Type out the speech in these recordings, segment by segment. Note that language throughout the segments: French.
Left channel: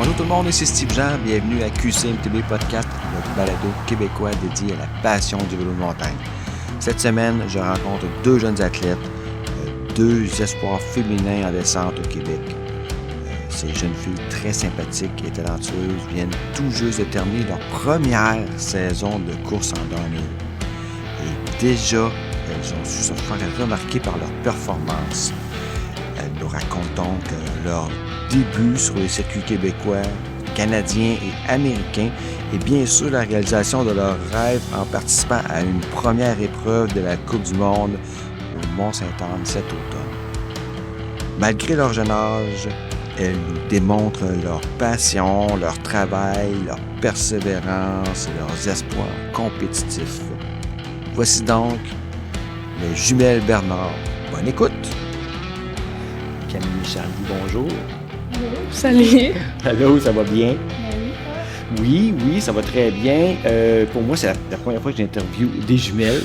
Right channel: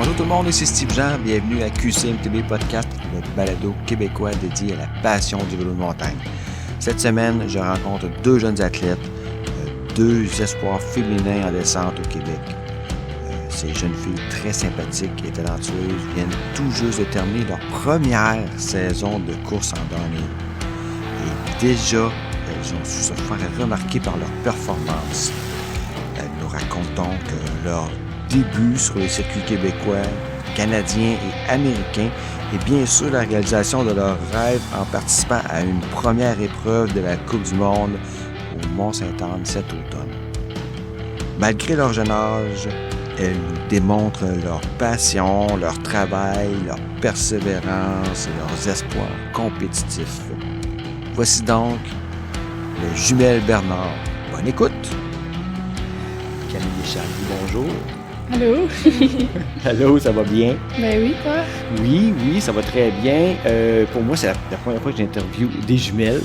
Bonjour tout le monde, ici Steve Jean, bienvenue à QCMTB Podcast, le balado québécois dédié à la passion du vélo de montagne. Cette semaine, je rencontre deux jeunes athlètes, deux espoirs féminins en descente au Québec. Ces jeunes filles très sympathiques et talentueuses viennent tout juste de terminer leur première saison de course en downhill. Et déjà, elles ont su se faire remarquer par leur performance. Elles nous racontent donc leur début sur les circuits québécois, canadiens et américains, et bien sûr la réalisation de leur rêve en participant à une première épreuve de la Coupe du Monde au Mont-Sainte-Anne cet automne. Malgré leur jeune âge, elles nous démontrent leur passion, leur travail, leur persévérance et leurs espoirs compétitifs. Voici donc les jumelles Bernard. Bonne écoute! Camille et Charlie, bonjour. Allô, salut. Allô, ça va bien? Ben oui, toi? Oui, ça va très bien. Pour moi, c'est la première fois que j'interviewe des jumelles.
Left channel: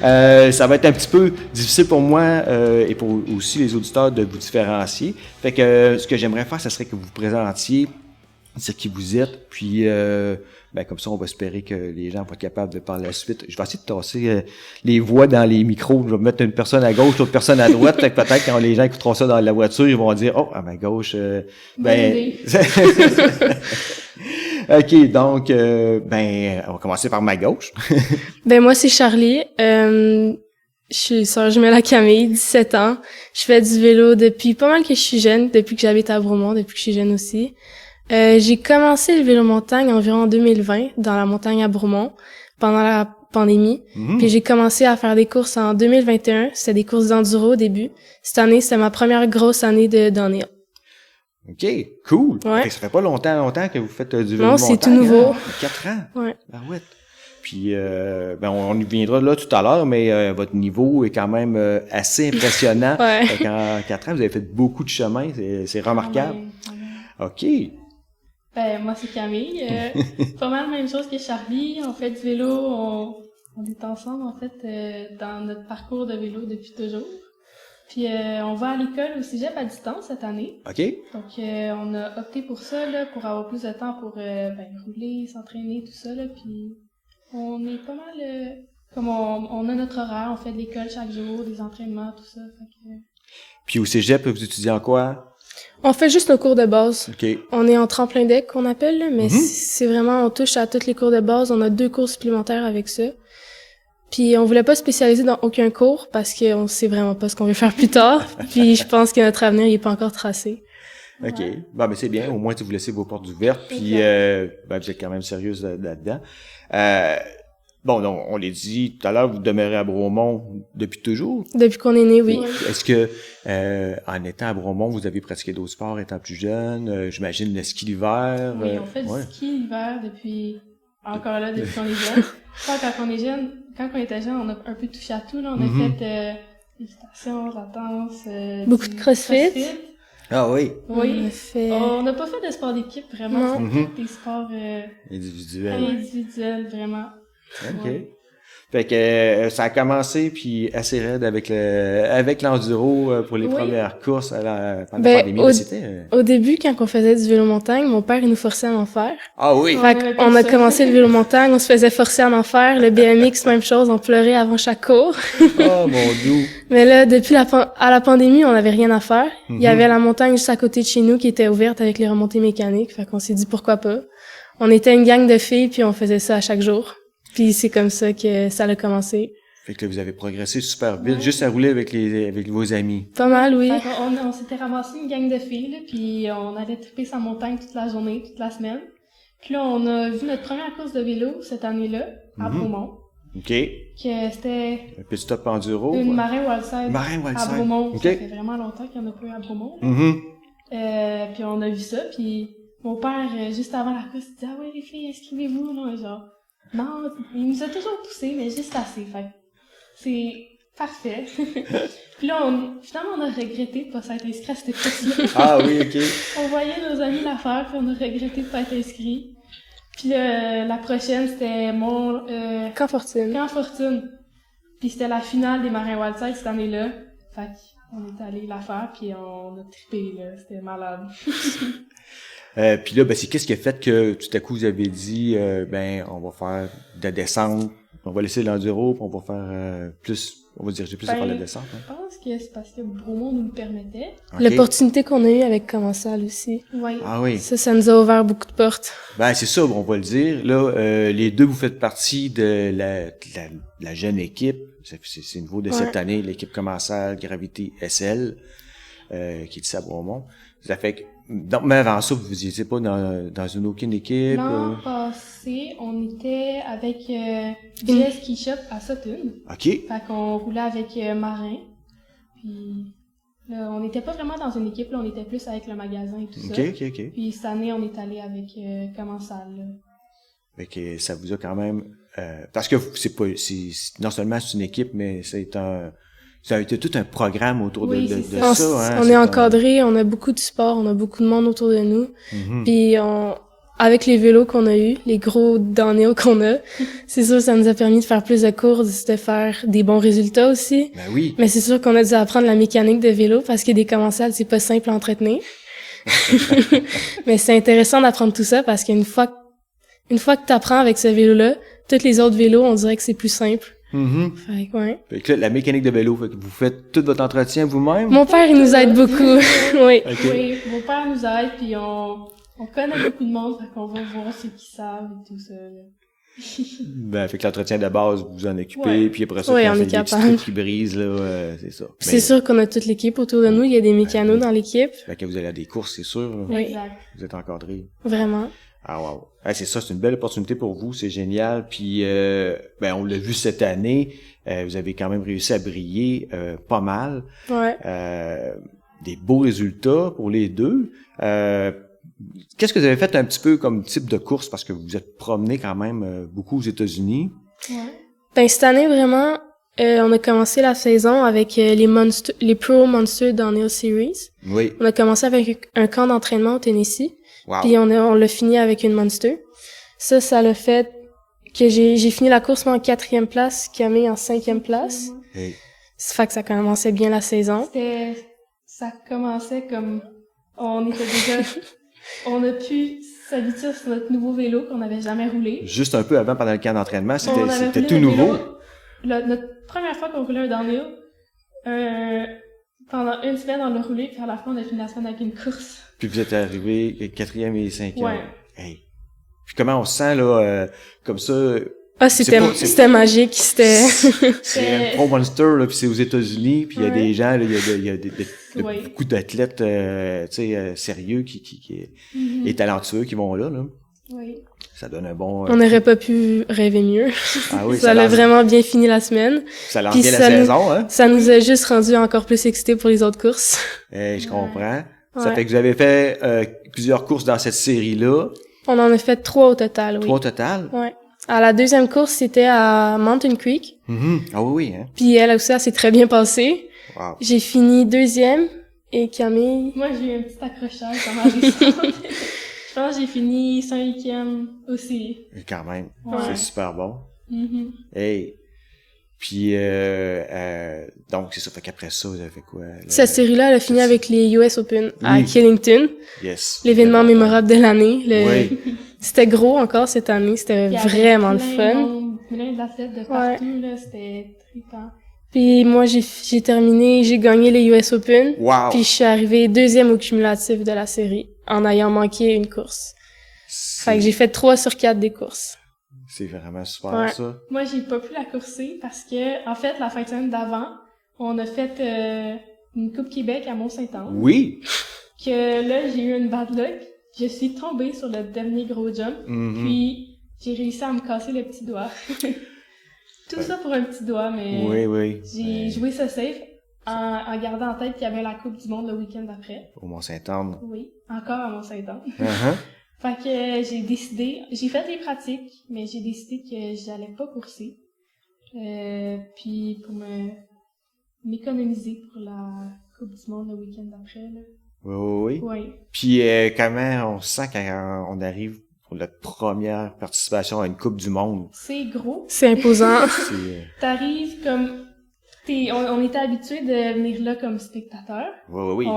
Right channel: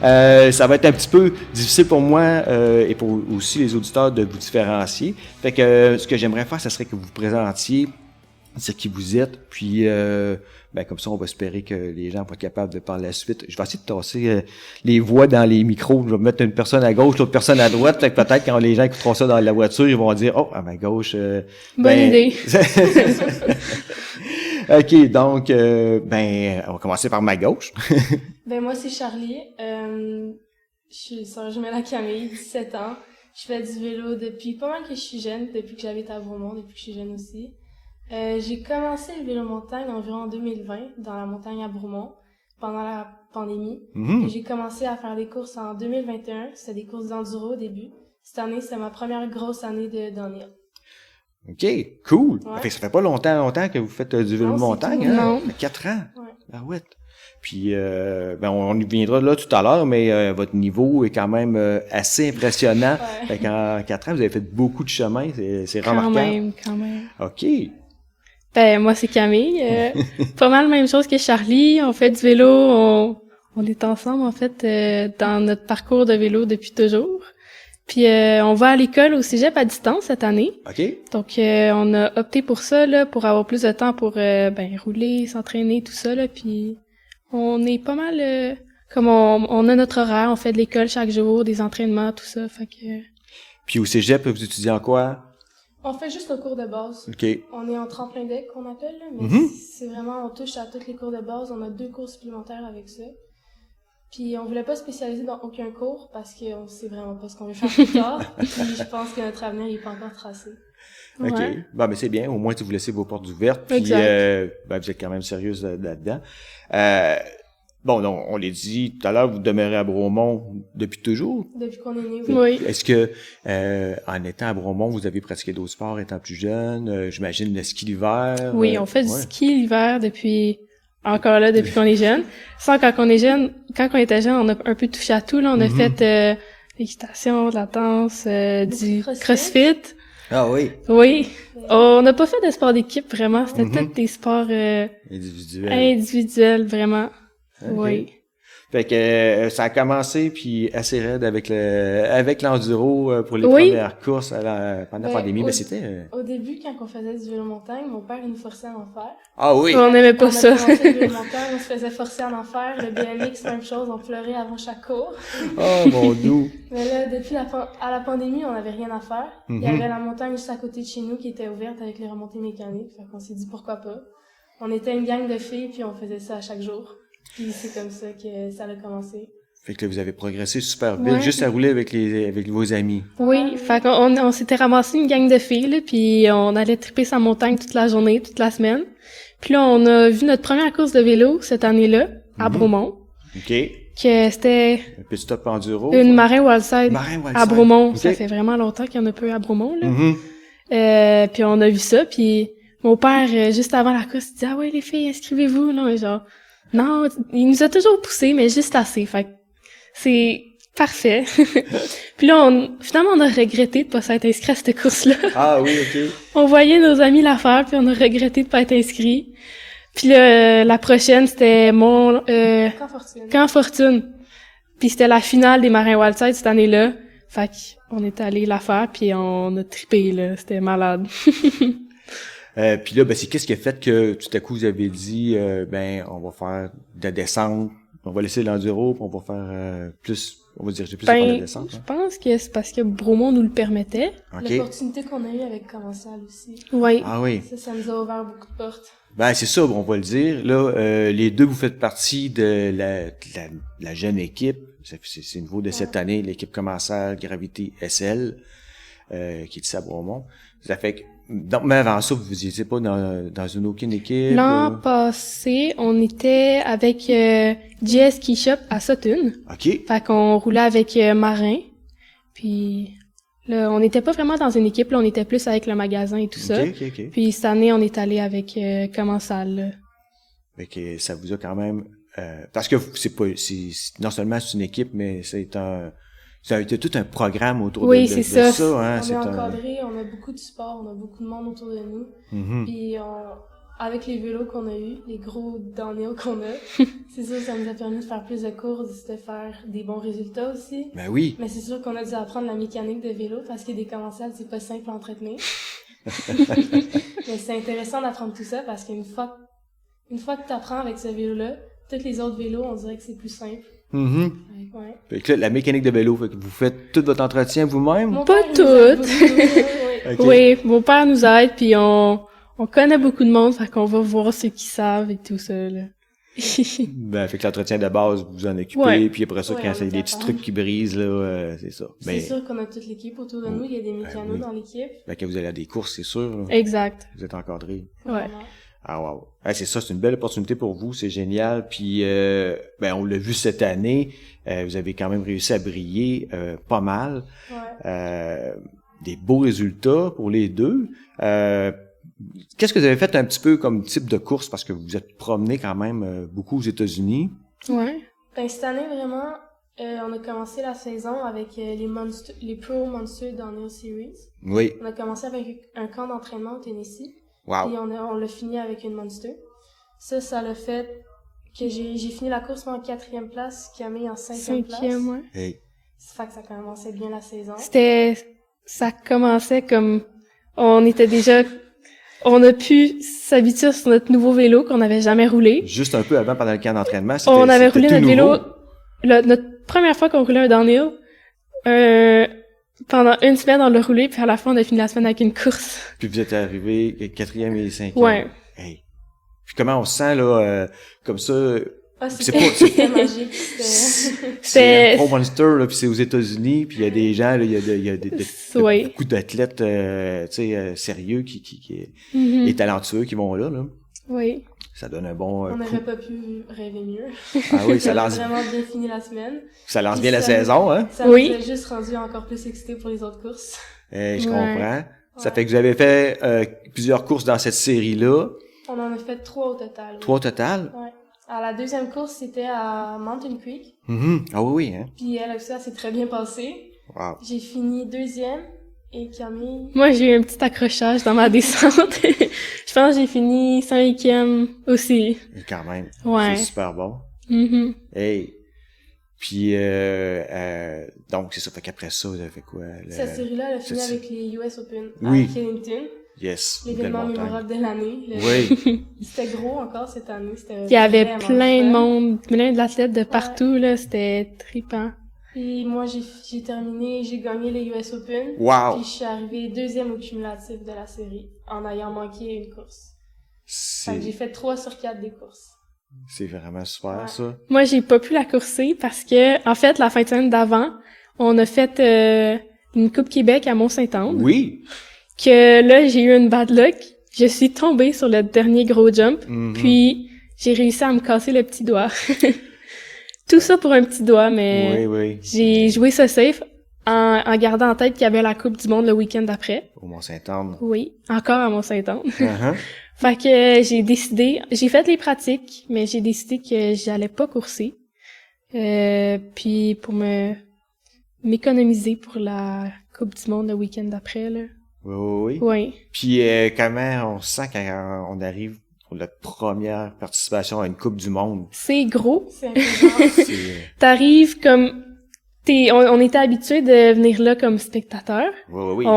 Ça va être un petit peu difficile pour moi et pour aussi les auditeurs de vous différencier. Fait que ce que j'aimerais faire, ce serait que vous vous présentiez, dire qui vous êtes, puis comme ça, on va espérer que les gens vont être capables de par la suite. Je vais essayer de tasser les voix dans les micros. Je vais mettre une personne à gauche, l'autre personne à droite. Fait que peut-être quand les gens écouteront ça dans la voiture, ils vont dire « Oh, à ma gauche... Bonne idée. » OK, donc, on va commencer par ma gauche. Moi, c'est Charlie. Je suis sœur jumelle à Camille, 17 ans. Je fais du vélo depuis pas mal que je suis jeune, depuis que j'habite à Bromont, depuis que je suis jeune aussi. J'ai commencé le vélo montagne environ en 2020, dans la montagne à Bromont, pendant la pandémie. Puis j'ai commencé à faire des courses en 2021. C'était des courses d'enduro au début. Cette année, c'était ma première grosse année de downhill. OK, cool. Ouais. Okay, ça fait pas longtemps que vous faites du vélo non, de montagne. C'est tout nouveau. Hein? 4 ans. Ouais. Ah ouais. Puis, on y viendra là tout à l'heure, mais votre niveau est quand même assez impressionnant. Ouais. Fait qu'en 4 ans, vous avez fait beaucoup de chemin. C'est remarquable. Quand même. OK. Moi, c'est Camille. Pas mal la même chose que Charlie. On fait du vélo. On est ensemble, en fait, dans notre parcours de vélo depuis toujours. Puis, on va à l'école au cégep à distance cette année. OK. Donc, on a opté pour ça, là, pour avoir plus de temps pour, rouler, s'entraîner, tout ça, là. Puis, on est pas mal, comme on a notre horaire. On fait de l'école chaque jour, des entraînements, tout ça. Fait que... Puis, au cégep, vous étudiez en quoi? On fait juste nos cours de base. OK. On est en tremplin deck qu'on appelle, là, mais c'est vraiment, on touche à tous les cours de base. On a 2 cours supplémentaires avec ça. Puis on voulait pas spécialiser dans aucun cours parce qu'on sait vraiment pas ce qu'on veut faire plus tard. Puis je pense que notre avenir il est pas encore tracé. OK. Ouais. Mais c'est bien. Au moins, vous laissez vos portes ouvertes. Puis, vous êtes quand même sérieuse là-dedans. Donc, on l'a dit tout à l'heure, vous demeurez à Bromont depuis toujours? Depuis qu'on est né, oui. Est-ce que, en étant à Bromont, vous avez pratiqué d'autres sports étant plus jeune? J'imagine le ski l'hiver? Oui, on fait du ski l'hiver depuis qu'on est jeune. Enfin, quand on était jeune, on a un peu touché à tout, là. On a fait, l'équitation, de la danse, beaucoup du de crossfit. Ah oui? Oui. On n'a pas fait de sport d'équipe, vraiment. Non. C'était peut-être des sports, individuels, vraiment. OK. Oui. Fait que ça a commencé puis assez raide avec l'enduro pour les premières courses pendant la pandémie. Au début, quand on faisait du vélo montagne, mon père il nous forçait à en faire. Ah oui. On a commencé le vélo montagne, on se faisait forcer à en faire. Le BMX, même chose, on pleurait avant chaque cours. Oh mon Dieu. Mais là, depuis la pandémie, on n'avait rien à faire. Il y avait la montagne juste à côté de chez nous qui était ouverte avec les remontées mécaniques. Fait qu'on s'est dit pourquoi pas. On était une gang de filles puis on faisait ça à chaque jour. Puis c'est comme ça que ça a commencé. Fait que là, vous avez progressé super vite, juste à rouler avec vos amis. Pas mal, oui. Fait qu'on s'était ramassé une gang de filles, là, puis on allait triper sa montagne toute la journée, toute la semaine. Puis là, on a vu notre première course de vélo cette année-là, à Bromont. OK. Que c'était... Un petit stop enduro. Une Marin Wildside. À Bromont. Okay. Ça fait vraiment longtemps qu'il y en a peu à Bromont, là. Puis on a vu ça, puis mon père, juste avant la course, il dit « Ah ouais, les filles, inscrivez-vous, là. » Genre... Non, il nous a toujours poussé, mais juste assez. Fait que c'est parfait. Puis là, finalement, on a regretté de pas s'être inscrit à cette course-là. Ah oui, OK. On voyait nos amis la faire, puis on a regretté de pas être inscrit. Puis là, la prochaine, c'était Camp Fortune. Puis c'était la finale des Marins Wildside cette année-là. Fait qu'on est allé la faire, puis on a trippé, là. C'était malade. Puis là, ben, c'est qu'est-ce qui a fait que tout à coup vous avez dit, ben, on va faire de la descente, on va laisser l'enduro, puis on va faire plus, on va diriger plus vers la descente. Je pense que c'est parce que Bromont nous le permettait. Okay. L'opportunité qu'on a eue avec Commensal aussi. Oui. Ah oui. Ça nous a ouvert beaucoup de portes. Ben, c'est ça, on va le dire. Là, les deux, vous faites partie de la jeune équipe. C'est nouveau de cette année, l'équipe Commensal Gravité SL, qui est ici à Bromont. Ça fait que, donc, mais avant ça, vous n'étiez pas dans une aucune équipe? L'an passé, on était avec JS Ski Shop à Sutton. OK. Fait qu'on roulait avec Marin. Puis là, on n'était pas vraiment dans une équipe, là, on était plus avec le magasin et tout ça. OK. Puis cette année, on est allé avec Commensal. Là. Fait que ça vous a quand même... parce que non seulement c'est une équipe, mais ça a été tout un programme autour de ça. Hein, on est encadré, on a beaucoup de support, on a beaucoup de monde autour de nous. Mm-hmm. Puis avec les vélos qu'on a eus, les gros downhill qu'on a, c'est sûr que ça nous a permis de faire plus de courses, de faire des bons résultats aussi. Ben oui. Mais c'est sûr qu'on a dû apprendre la mécanique de vélo parce que des commensales, c'est pas simple à entretenir. Mais c'est intéressant d'apprendre tout ça parce qu'une fois que t'apprends avec ce vélo-là, tous les autres vélos, on dirait que c'est plus simple. Mm-hmm. Fait que, ouais. Fait que là, la mécanique de vélo, fait que vous faites tout votre entretien vous-même? Mon père, il nous aide beaucoup. Oui. Okay. Oui, mon père nous aide, puis on connaît beaucoup de monde, fait qu'on va voir ceux qui savent et tout ça, là. Ben, fait que l'entretien de base, vous en occupez, puis après ça, quand c'est des petits trucs qui brisent, là, c'est ça. C'est sûr qu'on a toute l'équipe autour de nous, il y a des mécanos dans l'équipe. Fait que vous allez à des courses, c'est sûr. Là. Exact. Vous êtes encadrés. Vraiment. Ah wow. C'est ça, c'est une belle opportunité pour vous, c'est génial. Puis ben on l'a vu cette année, vous avez quand même réussi à briller pas mal. Ouais. Des beaux résultats pour les deux. Qu'est-ce que vous avez fait un petit peu comme type de course parce que vous vous êtes promené quand même beaucoup aux États-Unis? Ouais. Ben cette année vraiment, on a commencé la saison avec les Pro Monster Downhill Series. Oui. On a commencé avec un camp d'entraînement au Tennessee. Wow. Puis on l'a fini avec une Monster. Ça l'a fait que j'ai fini la course moi en 4e place, Camille en 5e place. Ouais. Hey. Ça fait que ça commençait bien la saison. Ça commençait comme, on était déjà, on a pu s'habituer sur notre nouveau vélo qu'on n'avait jamais roulé. Juste un peu avant, pendant le camp d'entraînement, c'était on avait roulé tout notre nouveau. Vélo, notre première fois qu'on roulait un downhill, pendant une semaine, on l'a roulé, puis à la fin, on a fini la semaine avec une course. Puis vous êtes arrivé 4e et 5e. Ouais. Hey. Puis comment on se sent, là, comme ça? Ah, c'était magique, c'est un Pro Monster, là, puis c'est aux États-Unis, puis il y a des gens, là, il y a beaucoup d'athlètes, tu sais, sérieux qui et talentueux qui vont là. Oui. Ça donne un bon... On n'aurait pas pu rêver mieux. Ah oui, ça a vraiment bien fini la semaine. Ça lance bien la saison, hein? Ça nous a juste rendu encore plus excités pour les autres courses. Je comprends. Ça fait que vous avez fait plusieurs courses dans cette série-là. On en a fait 3 au total, oui. 3 au total? Ouais. À la deuxième course, c'était à Mountain Creek. Mm-hmm. Ah oui, hein? Puis elle aussi, elle s'est très bien passée. Wow. J'ai fini 2e et Camille... Moi, j'ai eu un petit accrochage dans ma descente. Je pense que j'ai fini 5e aussi. Et quand même. Ouais. C'est super bon. Mm-hmm. Hey. Puis, donc, c'est ça. Fait qu'après ça, vous avez fait quoi? Cette série-là, elle a fini avec les US Open à Killington. Yes. L'événement mémorable de l'année. Oui. C'était gros encore cette année. C'était vraiment fun. Il y avait plein de monde, plein d'athlètes de partout, là. C'était trippant. Puis moi, j'ai terminé, j'ai gagné les US Open. Wow. Puis je suis arrivée 2e au cumulatif de la série, en ayant manqué une course. Fait que j'ai fait 3 sur 4 des courses. C'est vraiment super, ça. Moi, j'ai pas pu la courser parce que, en fait, la fin de semaine d'avant, on a fait une Coupe Québec à Mont-Saint-Anne. Oui. Que là, j'ai eu une bad luck. Je suis tombée sur le dernier gros jump. Mm-hmm. Puis, j'ai réussi à me casser le petit doigt. Tout ça pour un petit doigt, mais j'ai joué ça safe en gardant en tête qu'il y avait la Coupe du Monde le week-end d'après. Au Mont-Saint-Anne. Oui, encore à Mont-Saint-Anne. Uh-huh. Fait que j'ai fait les pratiques, mais j'ai décidé que j'allais pas courser. Puis pour m'économiser pour la Coupe du Monde le week-end d'après, là. Oui. Oui. Puis comment on se sent quand on arrive pour la première participation à une Coupe du Monde? C'est gros, c'est imposant. T'arrives comme On était habitués de venir là comme spectateur. Oui, c'est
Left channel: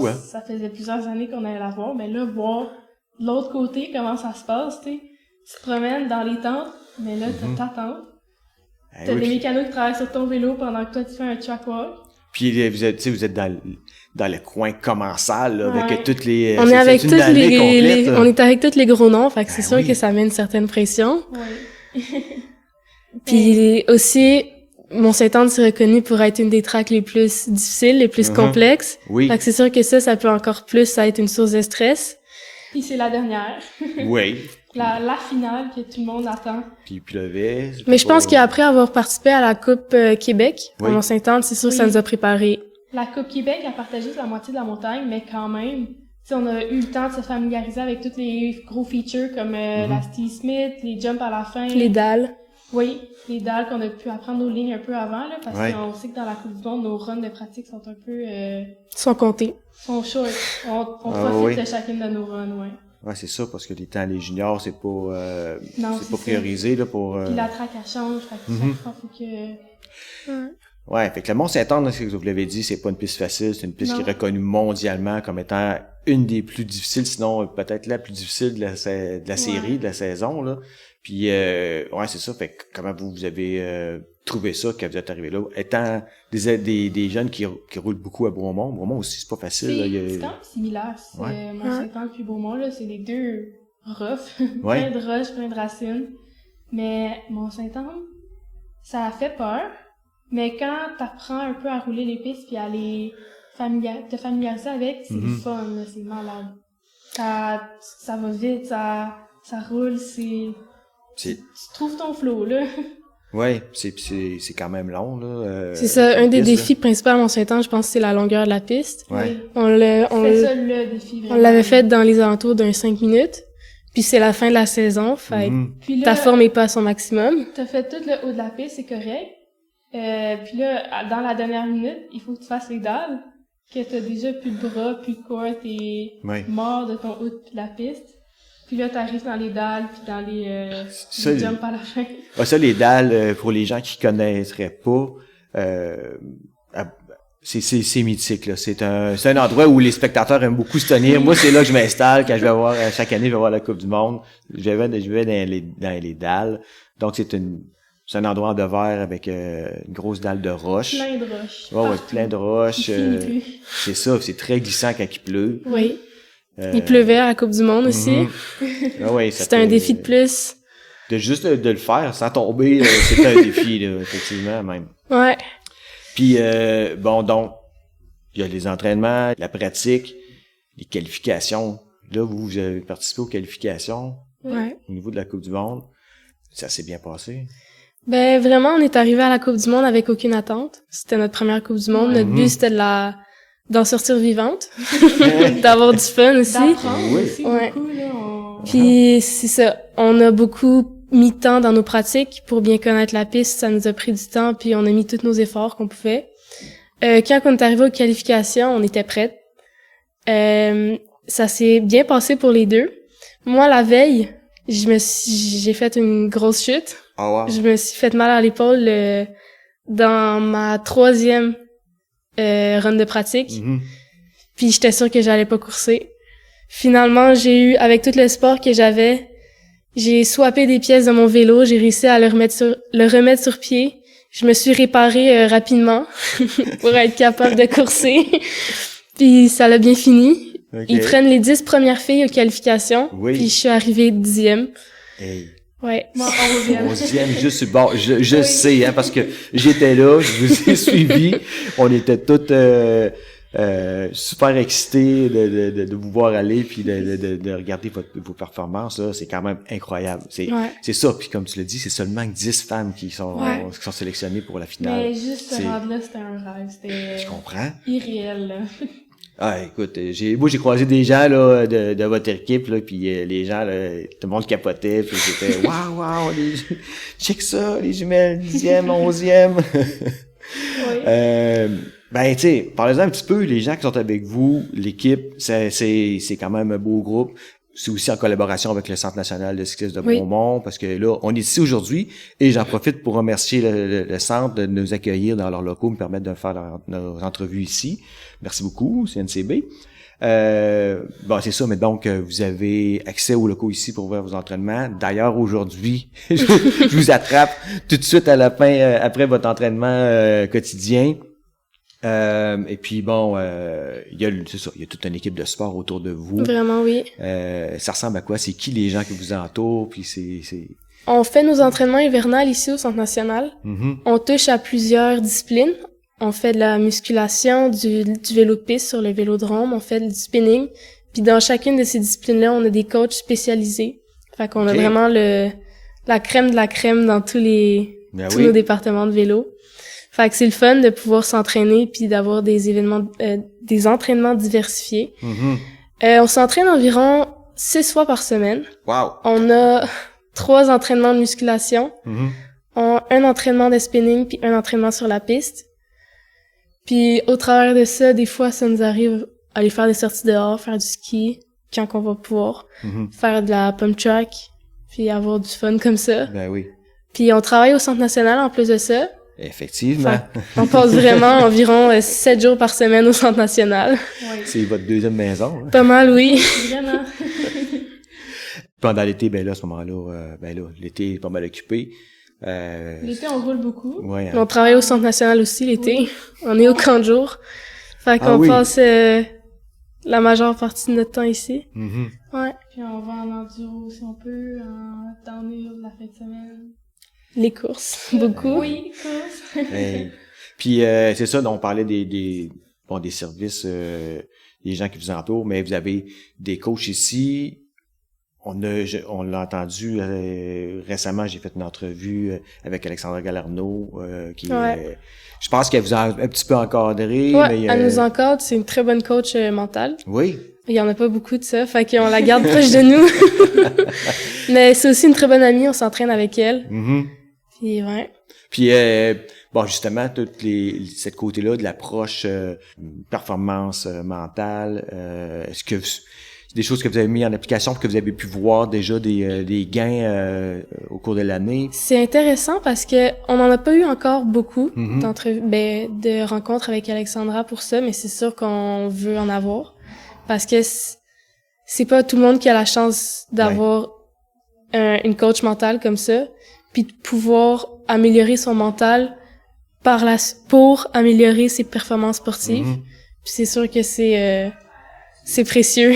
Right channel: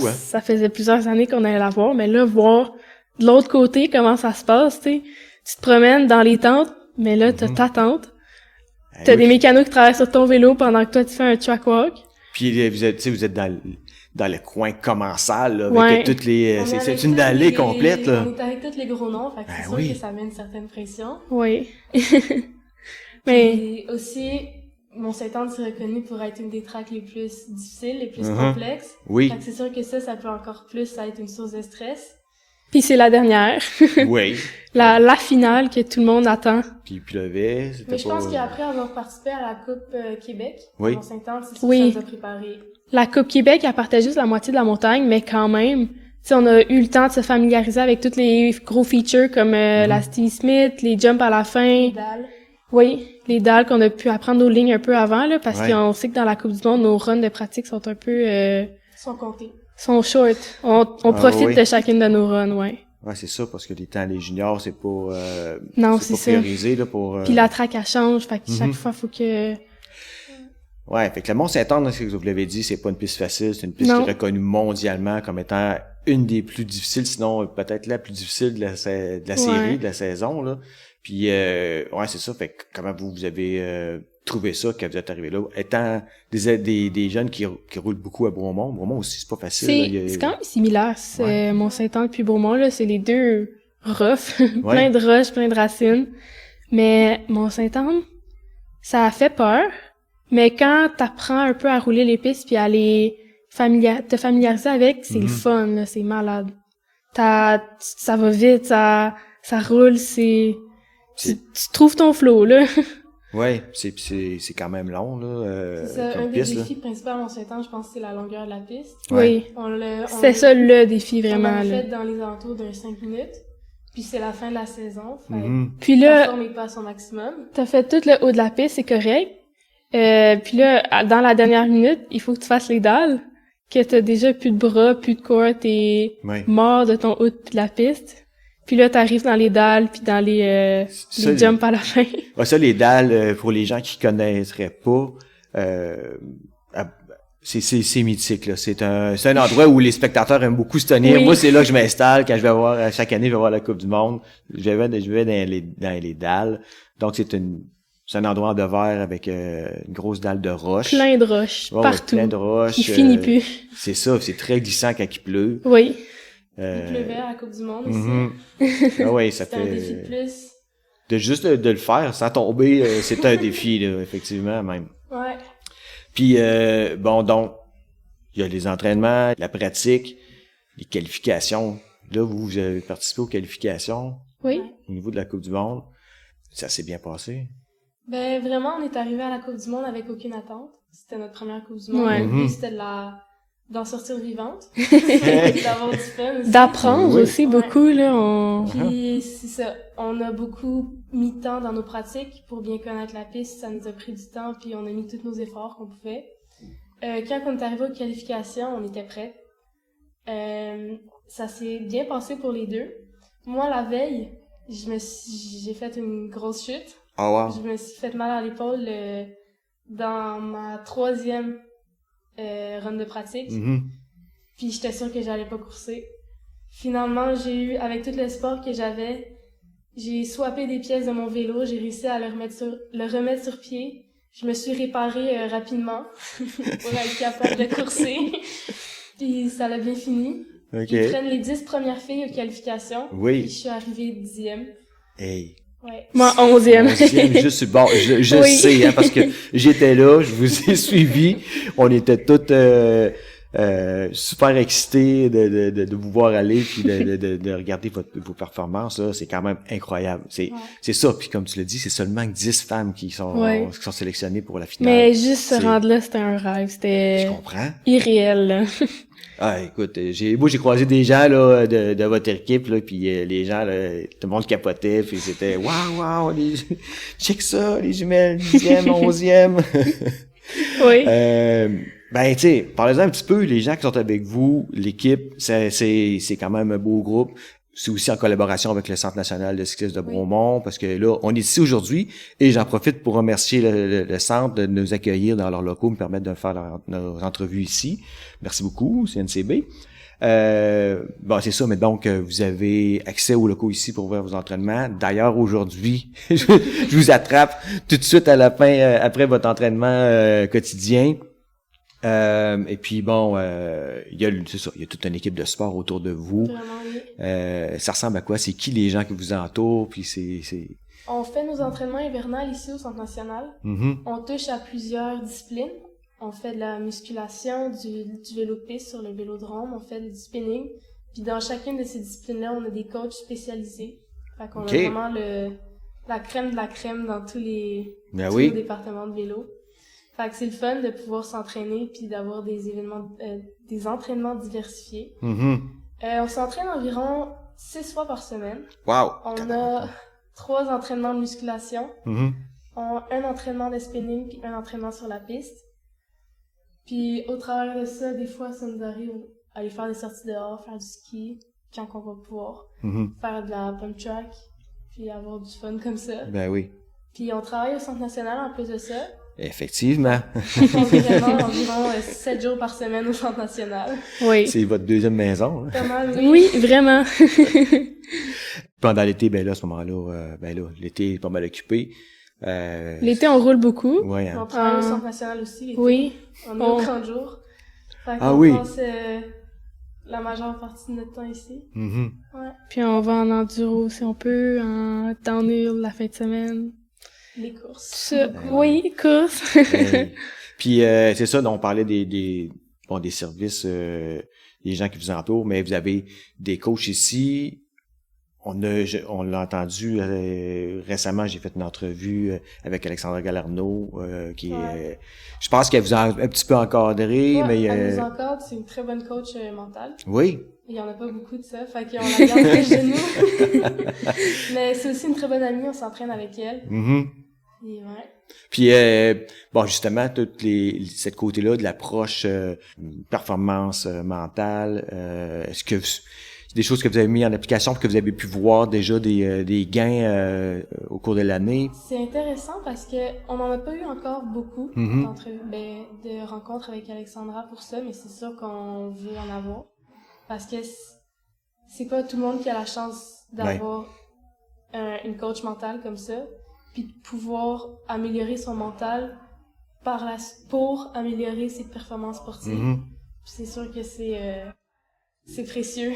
fou, hein? Ça faisait plusieurs années qu'on allait la voir, mais là, voir de l'autre côté comment ça se passe, tu sais. Tu te promènes dans les tentes, mais là, t'as ta tente. T'as des mécanos qui travaillent sur ton vélo pendant que toi, tu fais un track walk. Puis vous êtes dans le coin commensal, là, avec Ouais. toutes les... On est avec c'est une tous allée complète, là. on est avec tous les gros noms, fait que c'est sûr oui. que ça met une certaine pression. Oui. Puis aussi, Mont-Saint-Anne s'est reconnu pour être une des tracks les plus difficiles, les plus complexes. Oui. Fait que c'est sûr que ça peut encore plus être une source de stress. Puis c'est la dernière. Oui. La finale que tout le monde attend. Puis il pleuvait. Mais je pense qu'après avoir participé à la Coupe Québec, Oui. à Mont-Saint-Anne, c'est sûr que Oui. ça nous a préparé. La Coupe Québec, elle partait juste la moitié de la montagne, mais quand même, tu sais, on a eu le temps de se familiariser avec tous les gros features comme la Steve Smith, les jumps à la fin. Les dalles. Oui, les dalles qu'on a pu apprendre nos lignes un peu avant, là, parce Ouais. qu'on sait que dans la Coupe du Monde, nos runs de pratique sont un peu, Sont comptés. sont short. On profite oui. de chacune de nos runs, ouais. Ouais, c'est ça, parce que les temps, les juniors, c'est pas, Non, c'est c'est pas ça. priorisé, là, pour... Puis la track, elle change, fait que chaque fois, faut que... Ouais, fait que le Mont-Saint-Anne, c'est ce que vous l'avez dit, c'est pas une piste facile, c'est une piste Non. qui est reconnue mondialement comme étant une des plus difficiles, sinon peut-être la plus difficile de la série, de la saison, là. Puis, ouais, c'est ça, fait que comment vous avez trouvé ça quand vous êtes arrivé là? Étant des jeunes qui roulent beaucoup à Bromont. Bromont aussi, c'est pas facile. Là, C'est quand même similaire, c'est Ouais. Mont-Saint-Anne puis Beaumont, là, c'est les deux rough, Ouais. plein de roches, plein de racines. Mais Mont-Saint-Anne, ça a fait peur, mais quand t'apprends un peu à rouler les pistes puis à les te familiariser avec, c'est le fun, là, c'est malade. Ça va vite, ça roule, tu trouves ton flow, là. Ouais, c'est quand même long, là. C'est ça, comme un des piste, là. défis principaux à Mont-Saint-Anne, je pense, c'est la longueur de la piste. Ouais. Oui. C'était ça le défi, vraiment. On l'avait fait dans les alentours d'un 5 minutes. Puis c'est la fin de la saison, fait que Puis ta là, forme est pas à son maximum. t'as fait tout le haut de la piste, c'est correct. Puis là, dans la dernière minute, il faut que tu fasses les dalles, que t'as déjà plus de bras, plus de corps, t'es Ouais. mort de ton haut de la piste. Puis là, t'arrives dans les dalles, puis dans les Ça, jumps à la fin. Ouais, ça, les dalles, pour les gens qui connaisseraient pas, c'est mythique, là. C'est un endroit où les spectateurs aiment beaucoup se tenir. Oui. Moi, c'est là que je m'installe quand je vais voir, chaque année, je vais voir la Coupe du Monde. Je vais dans les dalles. Donc, c'est un endroit de verre avec une grosse dalle de roche. Plein de roches, Ouais, partout. plein de roches. Il finit plus. C'est ça, c'est très glissant quand il pleut. Oui. Il pleuvait à la Coupe du Monde aussi. Ah ouais, ça C'était un fait- défi de plus. Juste de le faire sans tomber, c'est un défi, là, effectivement, même. Ouais. Puis, bon, donc, il y a les entraînements, la pratique, les qualifications. Là, vous avez participé aux qualifications Oui. Ouais. au niveau de la Coupe du Monde. Ça s'est bien passé. Ben vraiment, on est arrivé à la Coupe du Monde avec aucune attente. C'était notre première Coupe du Monde. Ouais. Notre but, c'était d'en sortir vivante, d'avoir du fun aussi. D'apprendre Oui. aussi Ouais. beaucoup, là. Puis c'est ça, on a beaucoup mis de temps dans nos pratiques pour bien connaître la piste. Ça nous a pris du temps, puis on a mis tous nos efforts qu'on pouvait. Quand on est arrivé aux qualifications, on était prêtes. Ça s'est bien passé pour les deux. Moi, la veille, j'ai fait une grosse chute. Oh wow. Je me suis fait mal à l'épaule dans ma 3e run de pratique. Mhm. Puis j'étais sûre que j'allais pas courser. Finalement, avec tout le sport que j'avais, j'ai swappé des pièces de mon vélo, j'ai réussi à le remettre sur pied. Je me suis réparée rapidement pour être capable de courser. Puis ça l'a bien fini. OK. Ils prennent les 10 premières filles aux qualifications. Oui. Puis je suis arrivée 10e. Hey. Ouais. Moi, 11e. 11e, juste sur le bord. Je Oui. sais, hein, parce que j'étais là, je vous ai suivi. On était toutes super excités de vous voir aller puis de regarder vos performances. Là. C'est quand même incroyable. Ouais. C'est ça. Puis comme tu l'as dit, c'est seulement 10 femmes qui sont sélectionnées pour la finale. Mais juste se C'est- rendre là, c'était un rêve. C'était Je comprends. irréel, là. Ah, écoute, moi j'ai croisé des gens là de votre équipe là, puis les gens là, tout le monde capotait, puis c'était waouh, check ça, les jumelles, 10e, 11e. Oui. Ben tu sais, parlez-en un petit peu, les gens qui sont avec vous, l'équipe, c'est quand même un beau groupe. c'est aussi en collaboration avec le Centre national de cyclisme de Bromont, parce que là, on est ici aujourd'hui, et j'en profite pour remercier le Centre de nous accueillir dans leurs locaux, me permettre de faire nos entrevues ici. Merci beaucoup, CNCB. Bon, c'est ça, mais donc, vous avez accès aux locaux ici pour voir vos entraînements. D'ailleurs, aujourd'hui, je vous attrape tout de suite à la fin, après votre entraînement quotidien. Et puis bon, il y a toute une équipe de sport autour de vous. Vraiment, oui. Ça ressemble à quoi? C'est qui les gens qui vous entourent? Puis c'est... On fait nos entraînements hivernales ici au Centre national. Mm-hmm. On touche à plusieurs disciplines. On fait de la musculation, du vélo de piste sur le vélodrome, on fait du spinning. Puis dans chacune de ces disciplines-là, on a des coachs spécialisés. Fait qu'on a vraiment la crème de la crème dans tous nos départements de vélo. Fait que c'est le fun de pouvoir s'entraîner puis d'avoir des entraînements diversifiés. Mm-hmm. On s'entraîne environ 6 fois par semaine. Wow! On a 3 entraînements de musculation, Mm-hmm. un entraînement de spinning puis un entraînement sur la piste. Puis au travers de ça, des fois, ça nous arrive aller faire des sorties dehors, faire du ski, quand on va pouvoir, faire de la pump track, puis avoir du fun comme ça. Ben oui. Puis on travaille au Centre national en plus de ça. Effectivement. On passe vraiment environ 7 jours par semaine au Centre national. Oui. C'est votre deuxième maison. Hein? Pas mal, oui, vraiment. Pendant l'été, ben là, à ce moment-là, l'été est pas mal occupé. L'été, on roule beaucoup. Ouais, hein. On travaille au Centre national aussi l'été. Oui. On est au camp de jour. Fait qu'on passe la majeure partie de notre temps ici. Mm-hmm. Ouais. Puis on va en enduro si on peut, en downhill la fin de semaine. Les courses. Beaucoup. Oui, les courses. Puis c'est ça, on parlait des services, des gens qui vous entourent, mais vous avez des coachs ici. On l'a entendu récemment, j'ai fait une entrevue avec Alexandra Galarneau, qui je pense qu'elle vous a un petit peu encadré. Ouais, mais elle nous encadre, c'est une très bonne coach mentale. Oui. Il y en a pas beaucoup de ça, fait qu'on la garde proche de nous. Mais c'est aussi une très bonne amie, on s'entraîne avec elle. Mm-hmm. Puis ouais. Puis bon, justement, cette côté-là de l'approche performance mentale, est-ce que c'est des choses que vous avez mis en application, que vous avez pu voir déjà des gains au cours de l'année? C'est intéressant parce que on n'en a pas eu encore beaucoup de rencontres avec Alexandra pour ça, mais c'est sûr qu'on veut en avoir parce que c'est pas tout le monde qui a la chance d'avoir une coach mentale comme ça, puis de pouvoir améliorer son mental pour améliorer ses performances sportives. Mm-hmm. Puis c'est sûr que c'est précieux.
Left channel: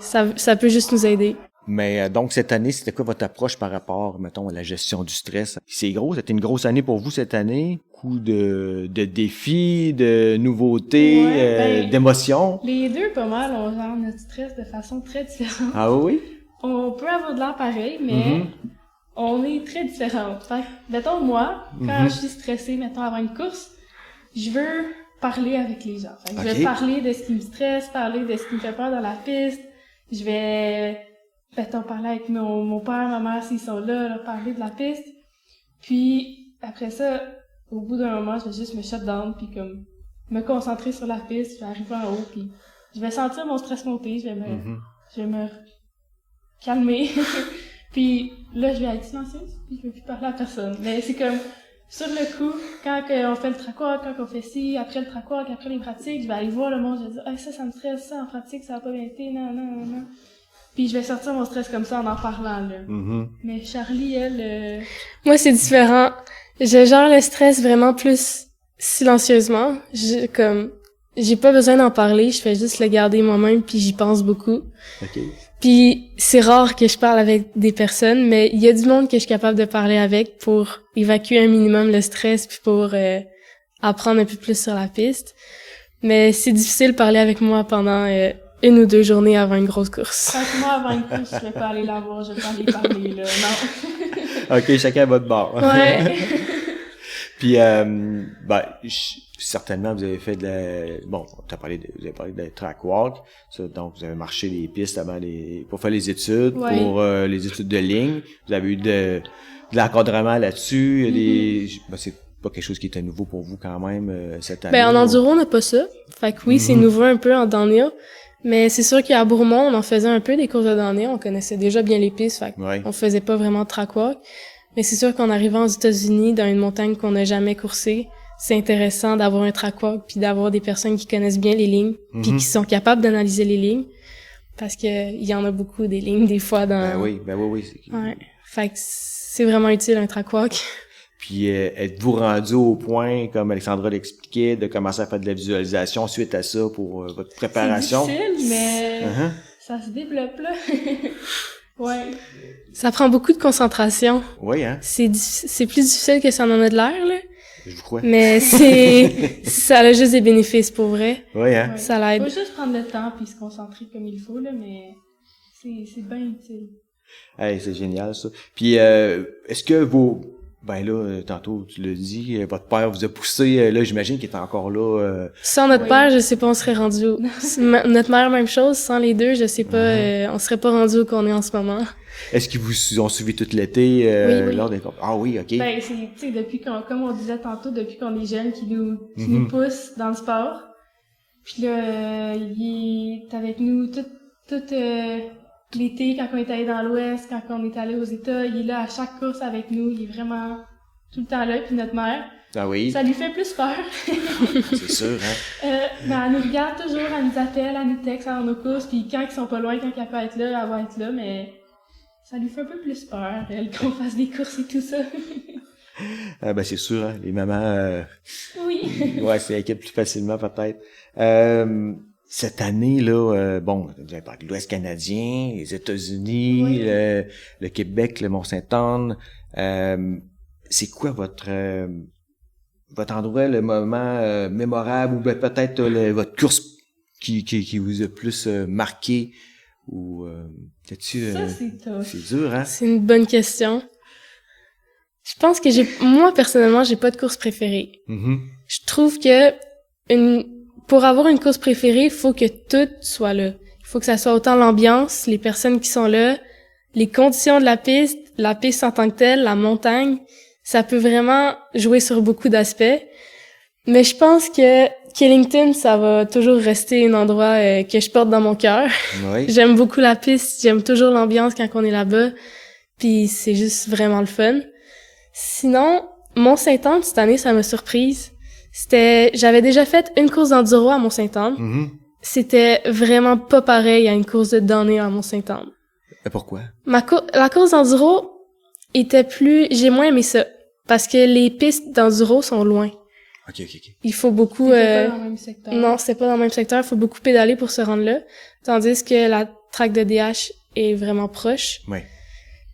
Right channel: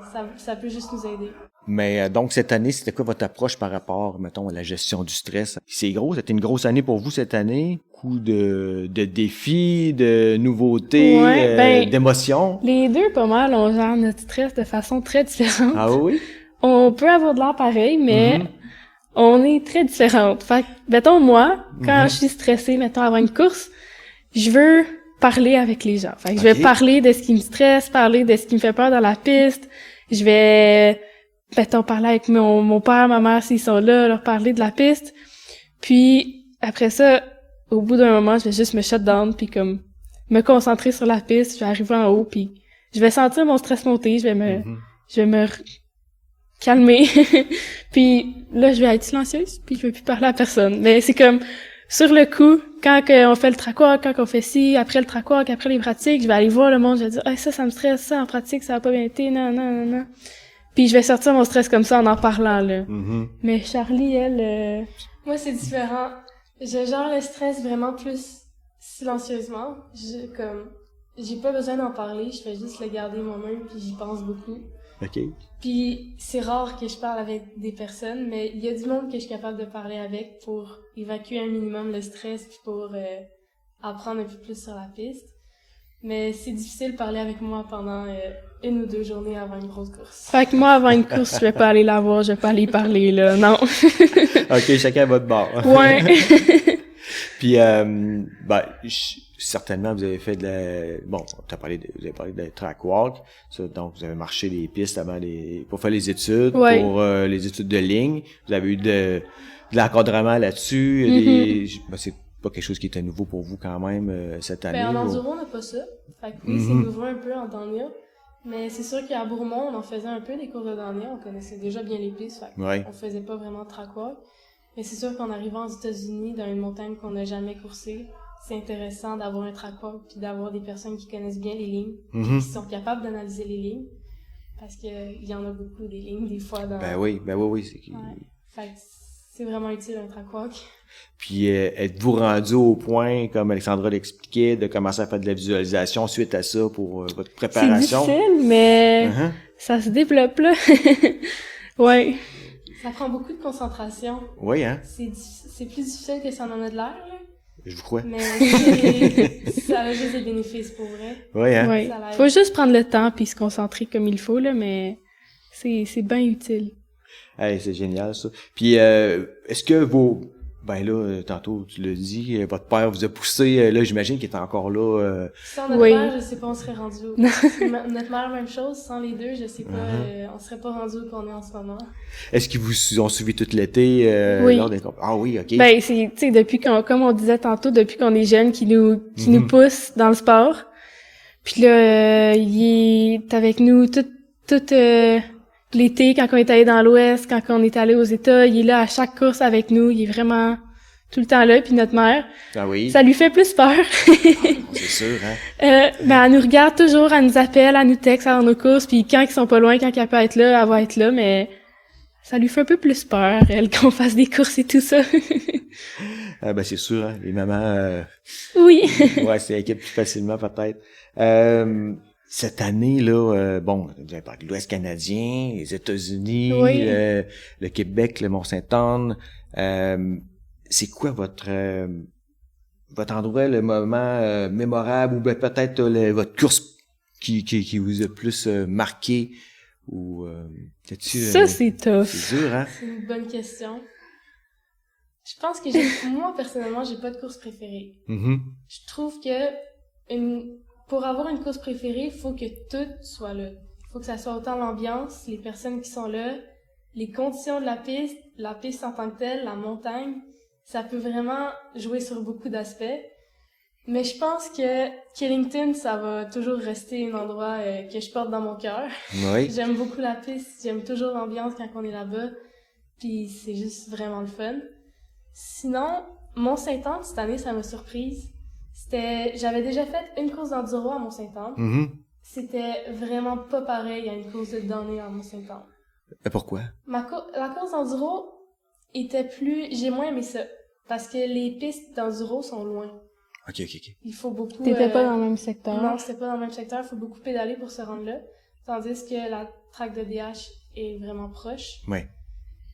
Ça peut juste nous aider. Mais donc, cette année, c'était quoi votre approche par rapport, mettons, à la gestion du stress? C'est gros, c'était une grosse année pour vous cette année? Coup de défis, de nouveautés, d'émotions? Les deux, pas mal, on gère notre stress de façon très différente. Ah oui? On peut avoir de l'air pareil, mais on est très différentes. Fait que, mettons, moi, quand je suis stressée, mettons, avant une course, je veux parler avec les gens. Fait que je vais parler de ce qui me stresse, parler de ce qui me fait peur dans la piste. Je vais, mettons, parler avec mon père, ma mère, s'ils sont là, leur parler de la piste. Puis, après ça, au bout d'un moment, je vais juste me shut down, puis comme, me concentrer sur la piste, je vais arriver en haut, puis je vais sentir mon stress monter, je vais me calmer. Puis là, je vais être silencieuse, puis je vais plus parler à personne. Mais c'est comme, sur le coup, quand on fait le track walk, quand on fait ci, après le track walk, après les pratiques, je vais aller voir le monde, je vais dire « ça me stresse, ça, en pratique, ça a pas bien été, non. » Puis je vais sortir mon stress comme ça en parlant, là. Mm-hmm. Mais Charlie, elle... Moi, c'est différent. Je gère le stress vraiment plus silencieusement. J'ai pas besoin d'en parler, je fais juste le garder moi-même, puis j'y pense beaucoup. OK. Puis c'est rare que je parle avec des personnes, mais il y a du monde que je suis capable de parler avec pour évacuer un minimum le stress puis pour apprendre un peu plus sur la piste. Mais c'est difficile de parler avec moi pendant 1 ou 2 journées avant une grosse course. Fait que moi, avant une course, je vais pas aller la voir, je vais pas aller parler, là, non. OK, chacun à votre bord. Ouais. Puis, certainement, vous avez fait vous avez parlé de track walk. Ça, donc, vous avez marché les pistes pour faire les études, pour les études de ligne. Vous avez eu de l'encadrement là-dessus. C'est pas quelque chose qui était nouveau pour vous quand même, cette année. En enduro, on n'a pas ça. Fait que oui, c'est nouveau un peu en downhill. Mais c'est sûr qu'à Bourmont, on en faisait un peu des courses de damnée. On connaissait déjà bien les pistes, fait Ouais. on faisait pas vraiment de track walk. Mais c'est sûr qu'en arrivant aux États-Unis, dans une montagne qu'on n'a jamais coursée, c'est intéressant d'avoir un track walk puis d'avoir des personnes qui connaissent bien les lignes puis qui sont capables d'analyser les lignes. Parce que il y en a beaucoup des lignes, des fois, dans... Ben oui. Ouais. Fait que c'est vraiment utile, un track walk. Puis êtes-vous rendu au point, comme Alexandra l'expliquait, de commencer à faire de la visualisation suite à ça pour votre préparation? C'est difficile, mais Uh-huh. ça se développe, là. Ouais. Ça prend beaucoup de concentration. Oui, hein? C'est plus difficile que ça en a de l'air, là. Je vous crois. Mais ça a juste des bénéfices, pour vrai. Oui, hein? Ouais. Ça l'aide. Faut juste prendre le temps puis se concentrer comme il faut, là, mais c'est bien utile. Hey, c'est génial, ça. Puis, est-ce que ben là, tantôt, tu l'as dit, votre père vous a poussé, là, j'imagine qu'il est encore là. Sans notre Oui. père, je sais pas, on serait rendu où. Notre mère, même chose. Sans les deux, je sais pas, on serait pas rendu où qu'on est en ce moment. Est-ce qu'ils vous ont suivi tout l'été Oui. lors des Ah oui, OK. Ben, c'est, tu sais, depuis comme on disait tantôt, depuis qu'on est jeune, qui nous pousse dans le sport. Puis là, il est avec nous tout l'été, quand on est allé dans l'Ouest, quand on est allé aux États, il est là à chaque course avec nous, il est vraiment tout le temps là. Puis notre mère, Ah oui, ça lui fait plus peur. c'est sûr, hein? Ben, elle nous regarde toujours, elle nous appelle, elle nous texte avant nos courses, puis quand ils sont pas loin, quand elle peut être là, elle va être là, mais ça lui fait un peu plus peur, elle, qu'on fasse des courses et tout ça. Ah ben c'est sûr, hein? Les mamans, Oui. ouais, c'est inquiète plus facilement peut-être. Cette année là, bon, vous avez parlé de l'Ouest canadien, les États-Unis, Oui. le Québec, le Mont-Saint-Anne. C'est quoi votre endroit, le moment mémorable ou ben, peut-être votre course qui vous a plus marqué ou peut-être Ça, c'est tough. c'est dur, hein? C'est une bonne question. Je pense que moi, personnellement, j'ai pas de course préférée. Mm-hmm. Je trouve que pour avoir une course préférée, il faut que tout soit là. Il faut que ça soit autant l'ambiance, les personnes qui sont là, les conditions de la piste en tant que telle, la montagne. Ça peut vraiment jouer sur beaucoup d'aspects. Mais je pense que Killington, ça va toujours rester un endroit que je porte dans mon cœur. Oui. J'aime beaucoup la piste, j'aime toujours l'ambiance quand on est là-bas. Puis c'est juste vraiment le fun. Sinon, Mont-Saint-Anne, cette année, ça m'a surprise. J'avais déjà fait une course d'enduro à Mont-Saint-Anne. Mm-hmm. C'était vraiment pas pareil à une course de damnée à Mont-Saint-Anne. Mais pourquoi? La course d'enduro était j'ai moins aimé ça. Parce que les pistes d'enduro sont loin. OK. Il faut beaucoup... T'étais pas dans le même secteur. Non, c'était pas dans le même secteur. Il faut beaucoup pédaler pour se rendre là. Tandis que la track de DH est vraiment proche. Oui.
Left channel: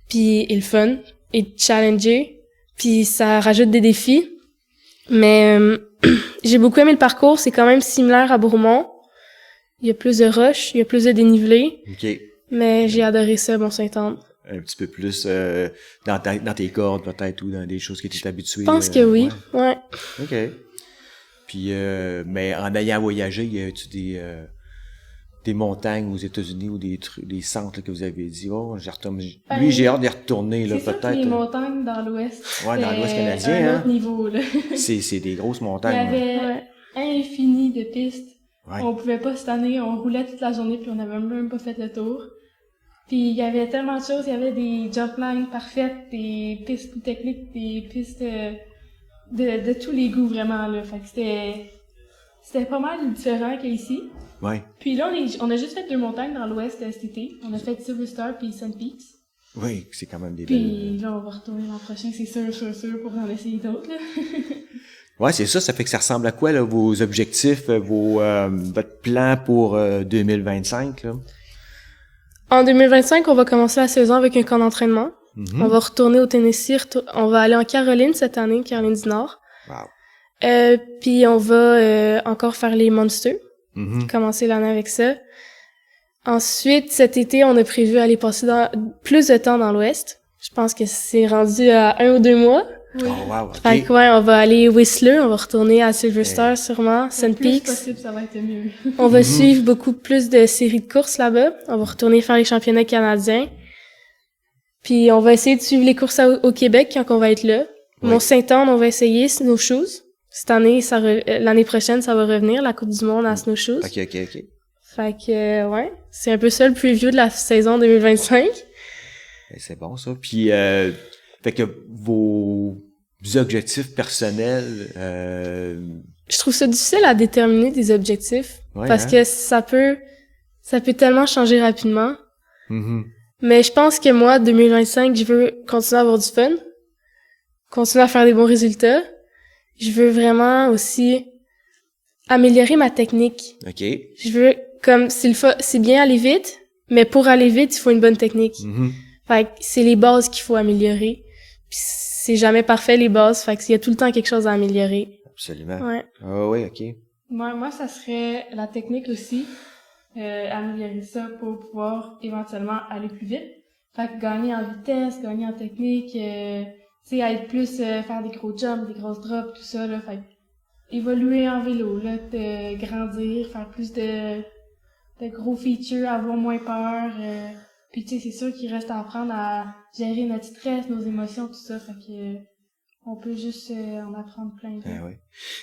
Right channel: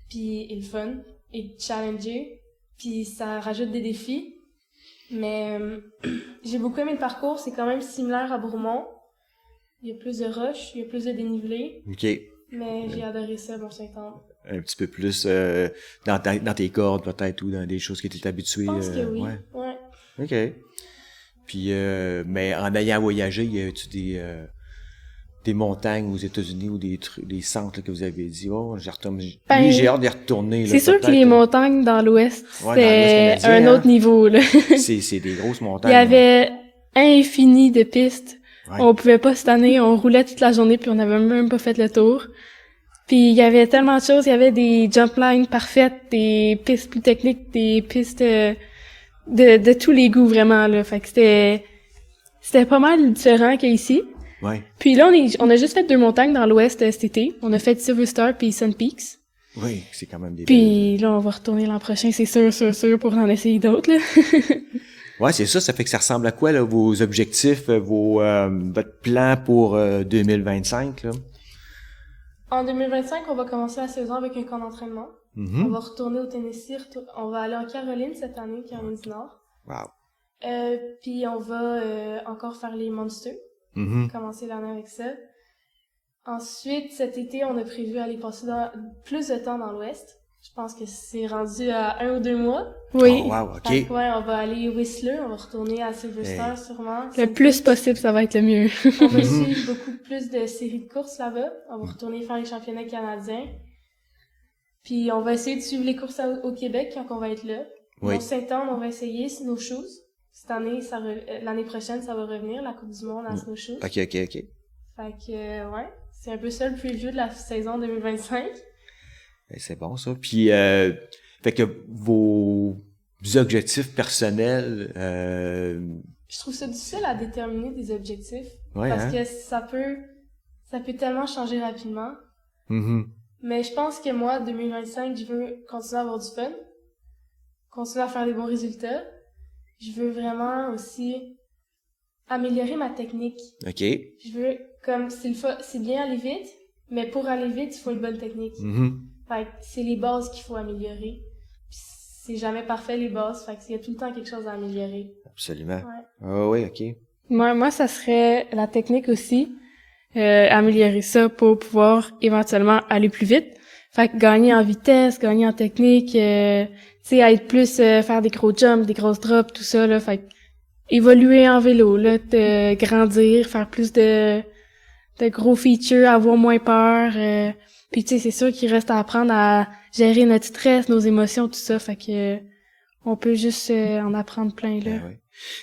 Puis est le fun. Et challenger. Puis ça rajoute des défis. Mais j'ai beaucoup aimé le parcours. C'est quand même similaire à Bourmont. Il y a plus de roches, il y a plus de dénivelé. OK. Mais j'ai adoré ça, Mont-Saint-Anne. Un petit peu plus dans tes cordes peut-être ou dans des choses que tu es habitué. Je pense que oui. Ouais. OK. Puis mais en ayant voyagé, y a-tu des montagnes aux États-Unis ou des centres là, que vous avez dit j'ai hâte d'y retourner là C'est sûr que peut-être. les montagnes dans l'Ouest, Ouais, dans l'Ouest c'est canadien, un autre niveau, là. c'est des grosses Il montagnes. y avait infini de pistes. Ouais. On pouvait pas cette année, on roulait toute la journée puis on avait même pas fait le tour. Puis il y avait tellement de choses, il y avait des jump lines parfaites, des pistes plus techniques, des pistes de tous les goûts vraiment là. Fait que c'était pas mal différent qu'ici. Ouais. Puis là on a juste fait 2 montagnes dans l'Ouest cet été. On a fait Silver Star puis Sun Peaks. Oui, c'est quand même des Puis là on va retourner l'an prochain, c'est sûr pour en essayer d'autres là. Ouais, c'est ça fait que ça ressemble à quoi là vos objectifs, votre plan pour 2025 là? En 2025, on va commencer la saison avec un camp d'entraînement. Mm-hmm. On va retourner au Tennessee. On va aller en Caroline cette année, Caroline du Nord. Wow. Puis on va encore faire les Monsters. Mm-hmm. Commencer l'année avec ça. Ensuite, cet été, on a prévu aller passer plus de temps dans l'Ouest. Je pense que c'est rendu à 1 ou 2 mois. Oui. Oh, wow, OK. Fait que, ouais, on va aller Whistler, on va retourner à Silver Star sûrement. Le Sun plus Peaks. possible, ça va être le mieux. On va suivre beaucoup plus de séries de courses là-bas. On va retourner faire les championnats canadiens. Puis on va essayer de suivre les courses au Québec quand on va être là. Oui. Mont-Saint-Anne, on va essayer Snowshoes. Cette année, l'année prochaine, ça va revenir, la Coupe du monde à Snowshoes. OK. Fait Fait que, ouais, c'est un peu ça le preview de la saison 2025. C'est bon, ça. Puis, fait que vos objectifs personnels... Je trouve ça difficile à déterminer des objectifs. Ouais, parce hein? que ça peut tellement changer rapidement. Mm-hmm. Mais je pense que moi, 2025, je veux continuer à avoir du fun. Continuer à faire des bons résultats. Je veux vraiment aussi améliorer ma technique. OK. Je veux, comme, c'est bien aller vite, mais pour aller vite, il faut une bonne technique. Mm-hmm. Fait que c'est les bases qu'il faut améliorer. Puis c'est jamais parfait, les bases. Fait qu'il y a tout le temps quelque chose à améliorer. Absolument. Ouais. Ah oui, OK. Moi, ça serait la technique aussi. Améliorer ça pour pouvoir éventuellement aller plus vite. Fait que gagner en vitesse, gagner en technique, tu sais, être plus, faire des gros jumps, des grosses drops, tout ça, là. Fait que évoluer en vélo, là, grandir, faire plus de gros features, avoir moins peur. Puis tu sais, c'est sûr qu'il reste à apprendre à gérer notre stress, nos émotions, tout ça. Fait que on peut juste en apprendre plein, là. Ben oui.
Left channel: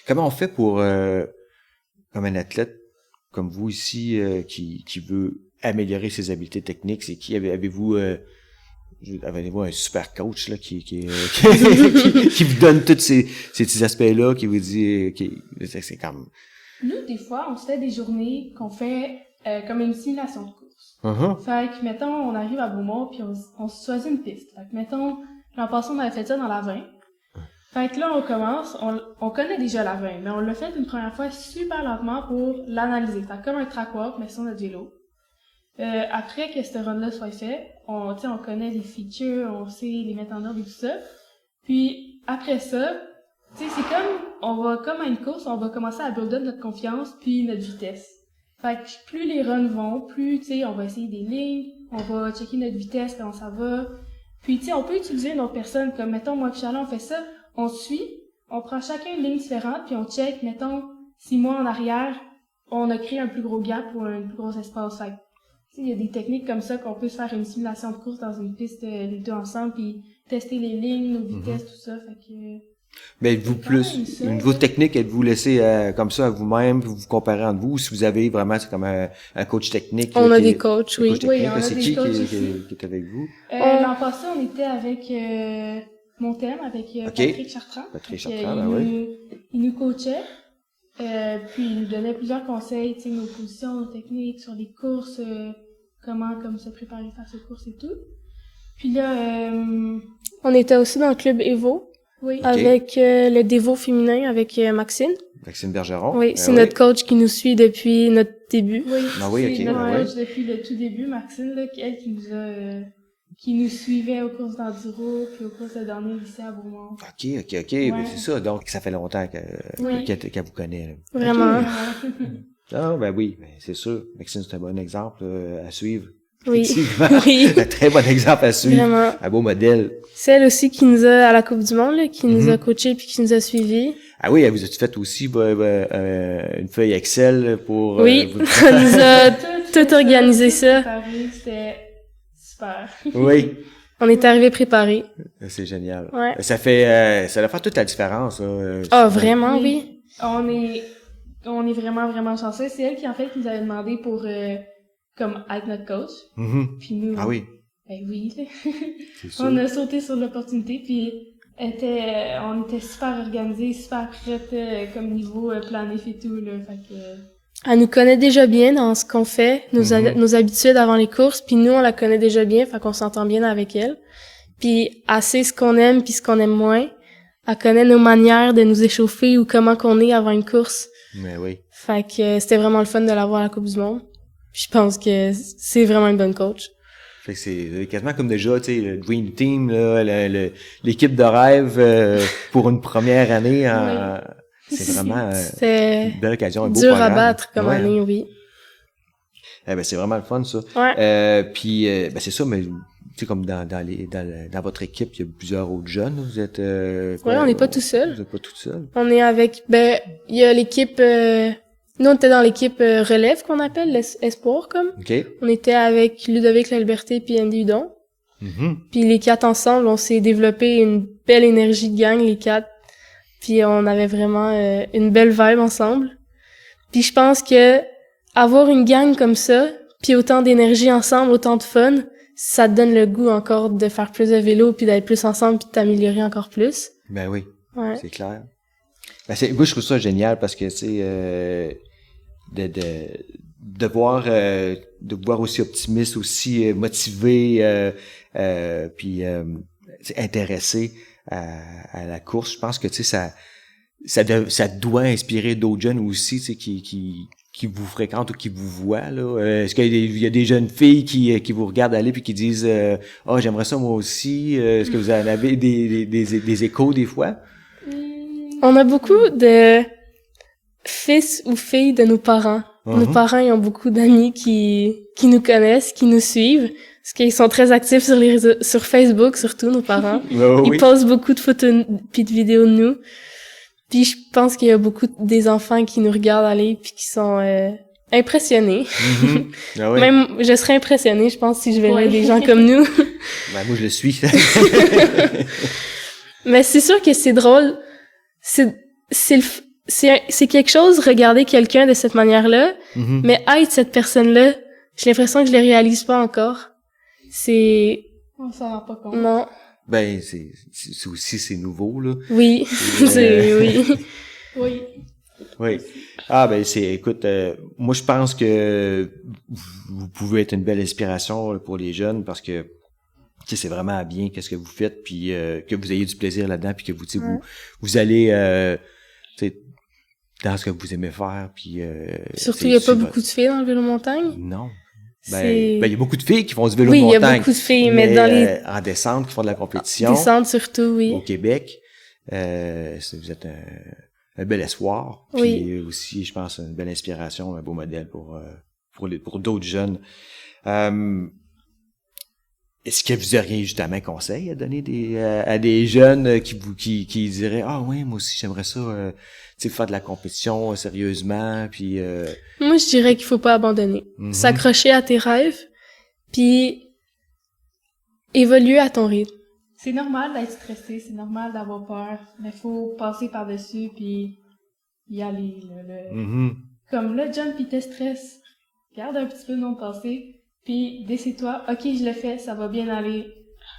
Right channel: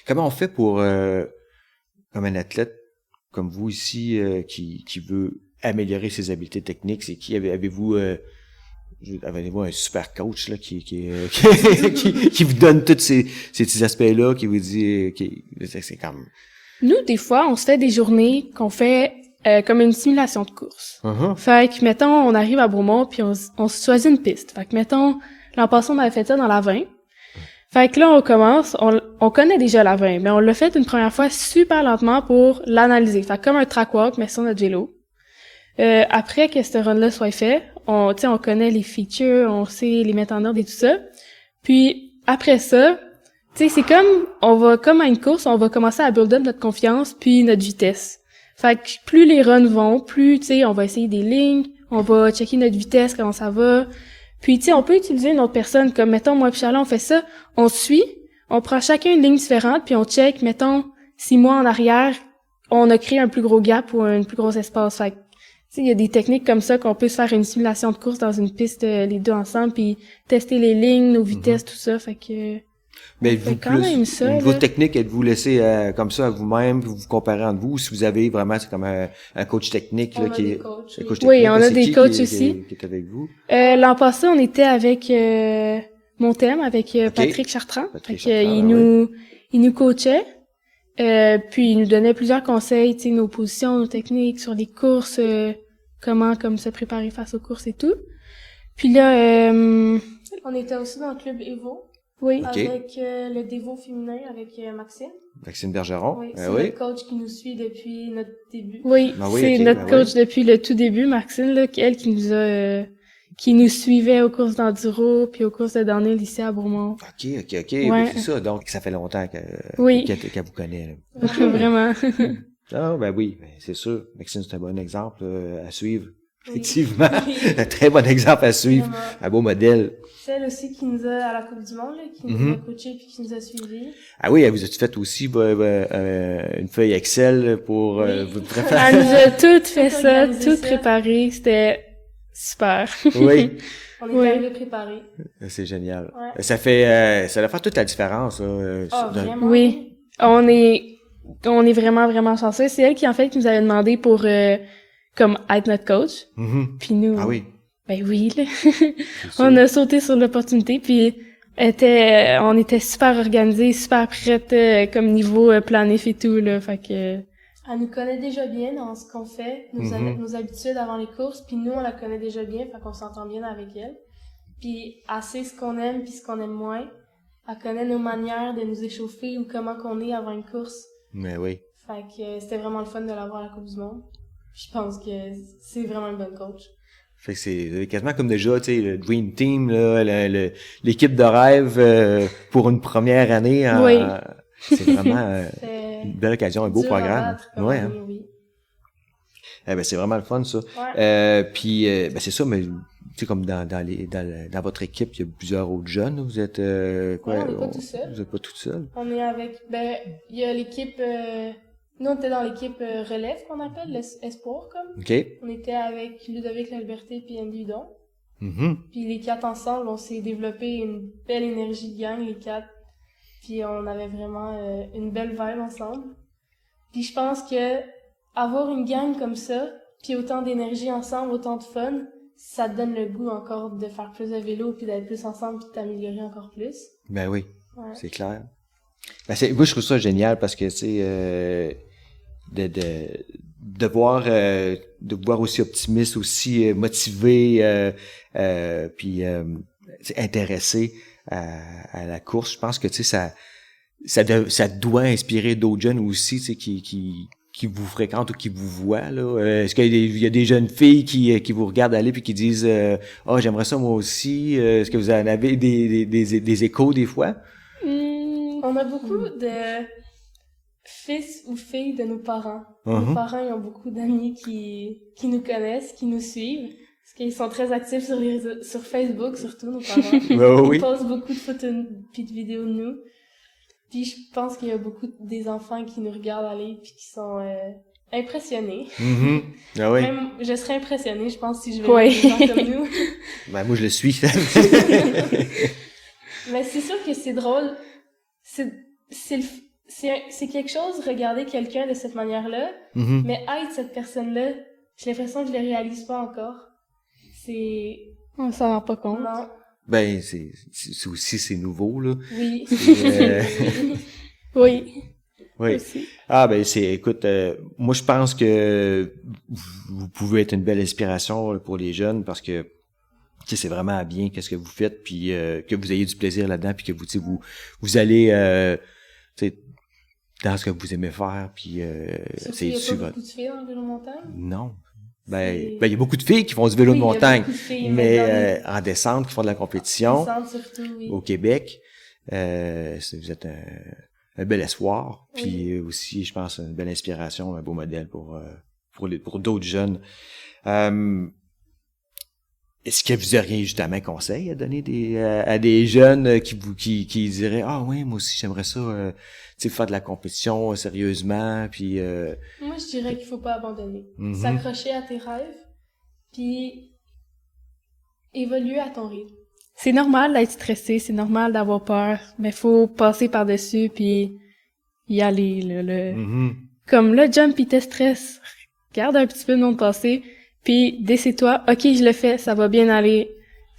Comment on fait pour, comme un athlète comme vous ici, qui veut améliorer ses habiletés techniques, c'est qui avez-vous un super coach là qui vous donne tous ces petits aspects-là, qui vous dit c'est comme Nous, des fois, on se fait des journées qu'on fait comme une simulation de course. uh-huh. Fait que, mettons, on arrive à Bromont, puis on se choisit une piste. Fait que, mettons, l'an passé, on avait fait ça dans la 20. Fait que là, on commence, on connaît déjà la 20, mais on l'a fait une première fois super lentement pour l'analyser. Fait que comme un track walk, mais sur notre vélo. Après que ce run-là soit fait, on connaît les features, on sait les mettre en ordre et tout ça. Puis, après ça, tu sais, c'est comme à une course, on va commencer à build up notre confiance puis notre vitesse. Fait que plus les runs vont, plus, tu sais, on va essayer des lignes, on va checker notre vitesse, comment ça va. Puis, tu sais, on peut utiliser une autre personne, comme, mettons, moi et Charlotte, on fait ça, on suit, on prend chacun une ligne différente, puis on check, mettons, si moi, en arrière, on a créé un plus gros gap ou un plus gros espace. Fait que, tu sais, il y a des techniques comme ça qu'on peut se faire une simulation de course dans une piste, les deux ensemble, puis tester les lignes, nos vitesses, tout ça, fait que... Mais êtes-vous quand même plus ça, au niveau là. technique, êtes-vous laissé comme ça à vous-même, puis vous comparez entre vous, ou si vous avez vraiment c'est comme un coach technique On là, a qui des est- coachs, un oui. coach Oui, technique, on là, a c'est des qui coachs qui aussi. est avec vous? L'an passé, on était avec Montem, avec Ok. Patrick Chartrand. Patrick Fait que, Chartrand, ben il nous coachait, puis il nous donnait plusieurs conseils, tu sais, nos positions, nos techniques sur les courses, comment comme se préparer face aux courses et tout. Puis là, On était aussi dans le club Evo, oui, Ok. avec le Devo féminin, avec Maxine. Maxime Bergeron? Oui, c'est Ah notre coach qui nous suit depuis notre début. oui, Ah oui, c'est ok, notre ben coach depuis le tout début, Maxine, là, elle qui nous suivait aux courses d'enduro, puis aux courses de downhill ici à Bourmont. OK. Ben, c'est ça. Donc, ça fait longtemps Oui. qu'elle vous connaît. Là. Vraiment. Vraiment. Ah, ben oui, ben, c'est sûr. Maxime, c'est un bon exemple à suivre. Oui. Effectivement. Oui. Un très bon exemple à suivre. Vraiment. Un beau modèle. Celle aussi qui nous a, à la Coupe du Monde, là, qui nous Mhm. a coachés puis qui nous a suivis. Ah oui, vous avez fait aussi une feuille Excel pour... Oui. vous- On nous a tout Tout organisé ça. préparé, c'était super. Oui, On est Oui. arrivés préparés. c'est génial. Ouais. Ça fait... ça va faire toute la différence. Ah, vraiment, oui. On est vraiment, vraiment chanceux. C'est elle qui, en fait, qui nous avait demandé pour, comme, être notre coach. Mhm. Puis nous. Ah oui, Ben oui, là. c'est sûr. On a sauté sur l'opportunité, puis on était super organisés, super prêtes, comme niveau planif et tout, là. Fait que... Elle nous connaît déjà bien dans ce qu'on fait, Mhm. nos habitudes avant les courses, puis nous, on la connaît déjà bien, fait qu'on s'entend bien avec elle. Puis elle sait ce qu'on aime puis ce qu'on aime moins. Elle connaît nos manières de nous échauffer ou comment qu'on est avant une course. Mais oui. Fait que c'était vraiment le fun de l'avoir à la Coupe du Monde. Puis je pense que c'est vraiment une bonne coach. Fait que c'est quasiment comme déjà, tu sais, le Dream Team, là, l'équipe de rêve pour une première année. Oui. C'est vraiment C'est une belle occasion, un beau dur programme. à battre comme Ouais, année, oui. Eh ben c'est vraiment le fun ça. Ouais. Puis ben c'est ça, mais tu sais comme dans votre équipe, il y a plusieurs autres jeunes. Vous êtes quoi, Ouais, on n'est pas tout seul. Vous êtes pas tout seul. On est avec, il y a l'équipe, nous on était dans l'équipe relève qu'on appelle, l'espoir comme. OK. On était avec Ludovic La Liberté puis Andy Hudon. Mhm. Puis les quatre ensemble, on s'est développé une belle énergie de gang, les quatre. Puis on avait vraiment une belle vibe ensemble. Puis je pense que avoir une gang comme ça, puis autant d'énergie ensemble, autant de fun, ça te donne le goût encore de faire plus de vélo, puis d'être plus ensemble, puis de t'améliorer encore plus. Ben oui, Ouais. c'est clair. Ben moi, je trouve ça génial parce que, tu sais, de voir aussi optimiste, aussi motivé, puis intéressé à la course. Je pense que, tu sais, ça doit inspirer d'autres jeunes aussi, tu sais, qui vous fréquentent ou qui vous voient, là. Est-ce qu'il y a des jeunes filles qui vous regardent aller puis qui disent j'aimerais ça moi aussi. Est-ce que vous en avez des échos des fois? On a beaucoup de fils ou filles de nos parents. Nos parents, ils ont beaucoup d'amis qui nous connaissent, qui nous suivent. Parce qu'ils sont très actifs sur les réseaux, sur Facebook, surtout, nos parents. Ils postent beaucoup de photos puis de vidéos de nous. Puis je pense qu'il y a beaucoup des enfants qui nous regardent aller puis qui sont impressionnés. Ah oui. Même, je serais impressionnée, je pense, si je verrais des gens comme nous. Ben, moi, je le suis. Mais c'est sûr que c'est drôle. C'est quelque chose, regarder quelqu'un de cette manière-là, mais être cette personne-là, j'ai l'impression que je le réalise pas encore. On s'en rend pas compte. Non. Ben, c'est aussi, c'est nouveau, là. Oui. Oui. Oui. Ah, ben, écoute, moi, je pense que vous pouvez être une belle inspiration pour les jeunes parce que, tu sais, c'est vraiment bien qu'est-ce que vous faites puis que vous ayez du plaisir là-dedans puis que vous, tu sais, vous allez, tu sais, dans ce que vous aimez faire puis surtout, il n'y a pas beaucoup de filles dans le vélo montagne. Non. Ben, il y a beaucoup de filles qui font du vélo de montagne. Oui, il y a beaucoup de filles, mais dans les... en descente, qui font de la compétition. Descente surtout, oui. Au Québec. Vous êtes un bel espoir. Puis aussi, je pense, une belle inspiration, un beau modèle pour d'autres jeunes. Est-ce que vous auriez justement un conseil à donner à des jeunes qui diraient oui, moi aussi j'aimerais ça tu sais, faire de la compétition sérieusement puis moi je dirais qu'il faut pas abandonner. S'accrocher à tes rêves puis évoluer à ton rythme. C'est normal d'être stressé, c'est normal d'avoir peur, mais faut passer par-dessus puis y aller comme le jump il te stresse. Garde un petit peu le monde passer. Puis, décide-toi, OK, je le fais, ça va bien aller,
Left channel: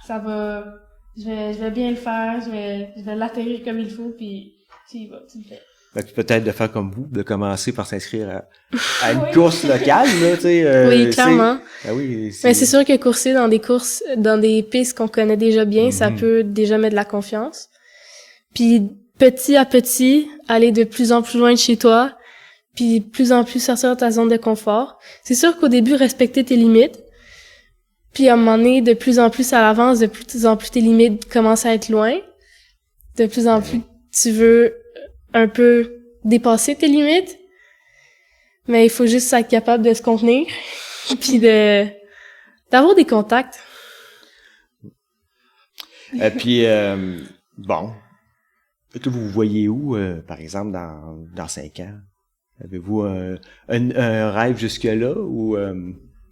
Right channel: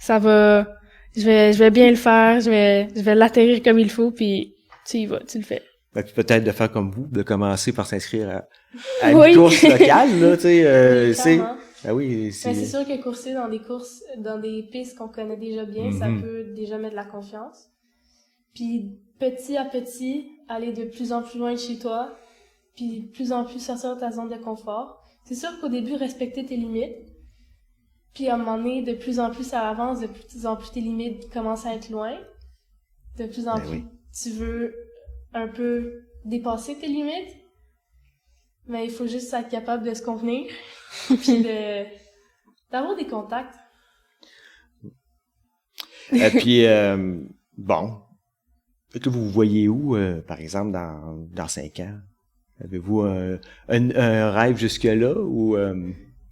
je vais bien le faire, je vais l'atterrir comme il faut, puis tu y vas, tu le fais. Peut-être de faire comme vous, de commencer par s'inscrire à une course locale, là, tu sais. Oui, clairement. Oui, mais c'est sûr que courser dans des pistes qu'on connaît déjà bien, ça peut déjà mettre de la confiance. Puis, petit à petit, aller de plus en plus loin de chez toi, puis de plus en plus sortir de ta zone de confort. C'est sûr qu'au début, respecter tes limites, puis à un moment donné, de plus en plus à l'avance, de plus en plus tes limites commencent à être loin. De plus en plus, tu veux un peu dépasser tes limites, mais il faut juste être capable de se contenir, puis d'avoir des contacts. Et puis, bon, vous voyez où, par exemple, dans 5 ans? Avez-vous un rêve jusque-là ou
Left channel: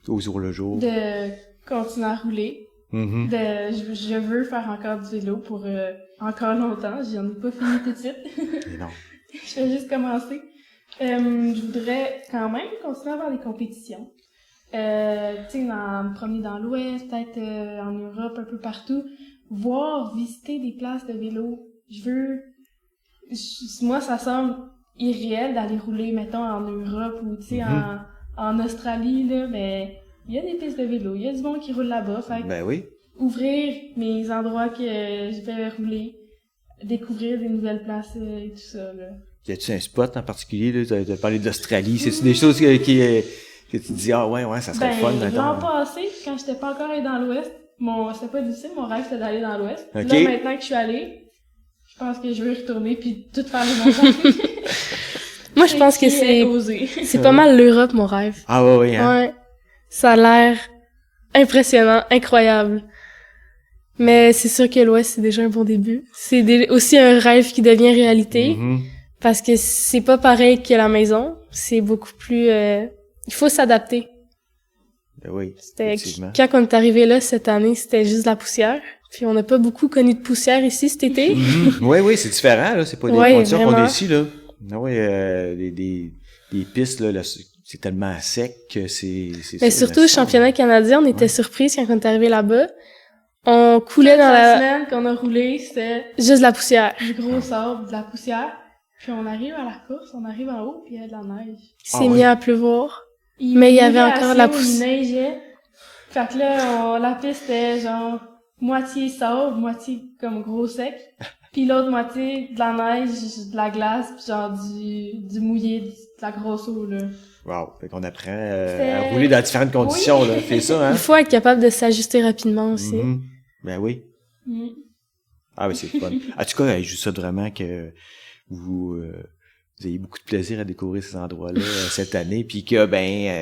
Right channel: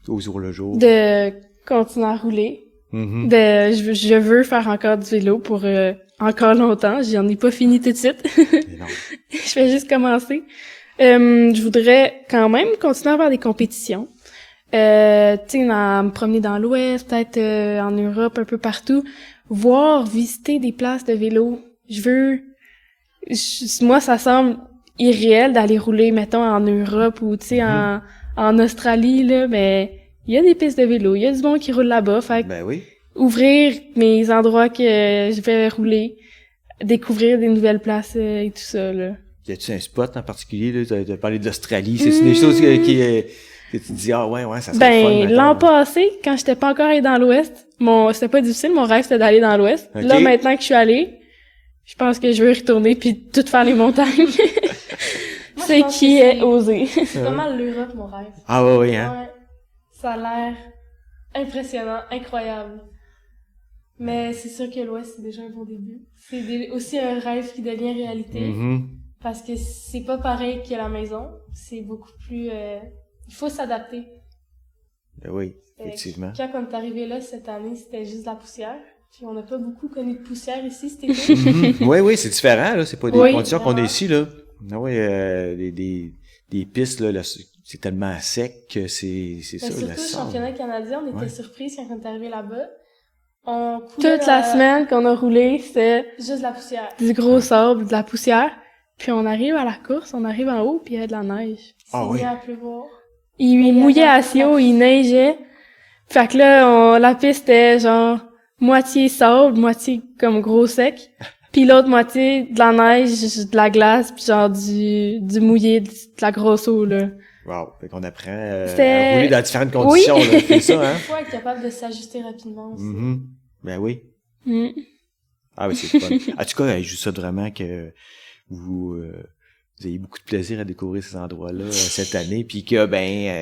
au jour le jour? De continuer à rouler. Je veux faire encore du vélo pour encore longtemps. J'en ai pas fini tout de suite. Non. Je vais juste commencer. Je voudrais quand même continuer à faire des compétitions. Tu sais, me promener dans l'Ouest, peut-être en Europe, un peu partout. Visiter des places de vélo. Moi, ça semble irréel d'aller rouler, mettons, en Europe ou, tu sais, en Australie, là, mais il y a des pistes de vélo, il y a du monde qui roule là-bas, fait ouvrir mes endroits que je vais rouler, découvrir des nouvelles places et tout ça, là. Y a-tu un spot en particulier, là? T'as parlé de l'Australie, c'est des choses que tu te dis, ça serait fun, mettons. L'an passé, quand j'étais pas encore allée dans l'Ouest, c'était pas difficile, mon rêve c'était d'aller dans l'Ouest. Okay. Là, maintenant que je suis allée, je pense que je veux y retourner puis tout faire les montagnes. Moi, je pense que c'est osé. C'est pas mal l'Europe, mon rêve. Ah oui, hein? Ouais. Ça a l'air impressionnant, incroyable. Mais c'est sûr que l'Ouest, c'est déjà un bon début. C'est aussi un rêve qui devient réalité. Parce que c'est pas pareil que la maison. C'est beaucoup plus... il faut s'adapter. Oui, effectivement. Quand on est arrivé là cette année, c'était juste de la poussière. Puis on n'a pas beaucoup connu de poussière ici cet été. Oui, c'est différent, là. C'est pas des conditions vraiment. qu'on a ici, là. Ah oui, des pistes, là, c'est tellement sec que c'est Mais ça. surtout, le championnat canadien, on était surpris quand on est arrivé là-bas. On coulait dans la la semaine qu'on a roulé, c'était juste de la poussière. du gros sable, de la poussière. Puis on arrive à la course, on arrive en haut, puis il y a de la neige. Il s'est mis à pleuvoir. Il Mais il y avait mouillait encore de la assez haut, il neigeait. Fait que là, la piste était genre moitié sable, moitié comme gros sec. Puis l'autre moitié de la neige, de la glace, puis genre du mouillé, de la grosse eau, là. Wow. Fait qu'on apprend à rouler dans différentes conditions, Oui. là. C'est ça, hein? Il faut être capable de s'ajuster rapidement aussi. Mm-hmm. Ben oui. Mm. Ah oui, c'est fun. En tout cas, je souhaite vraiment que vous ayez beaucoup de plaisir à découvrir ces endroits-là cette année, puis que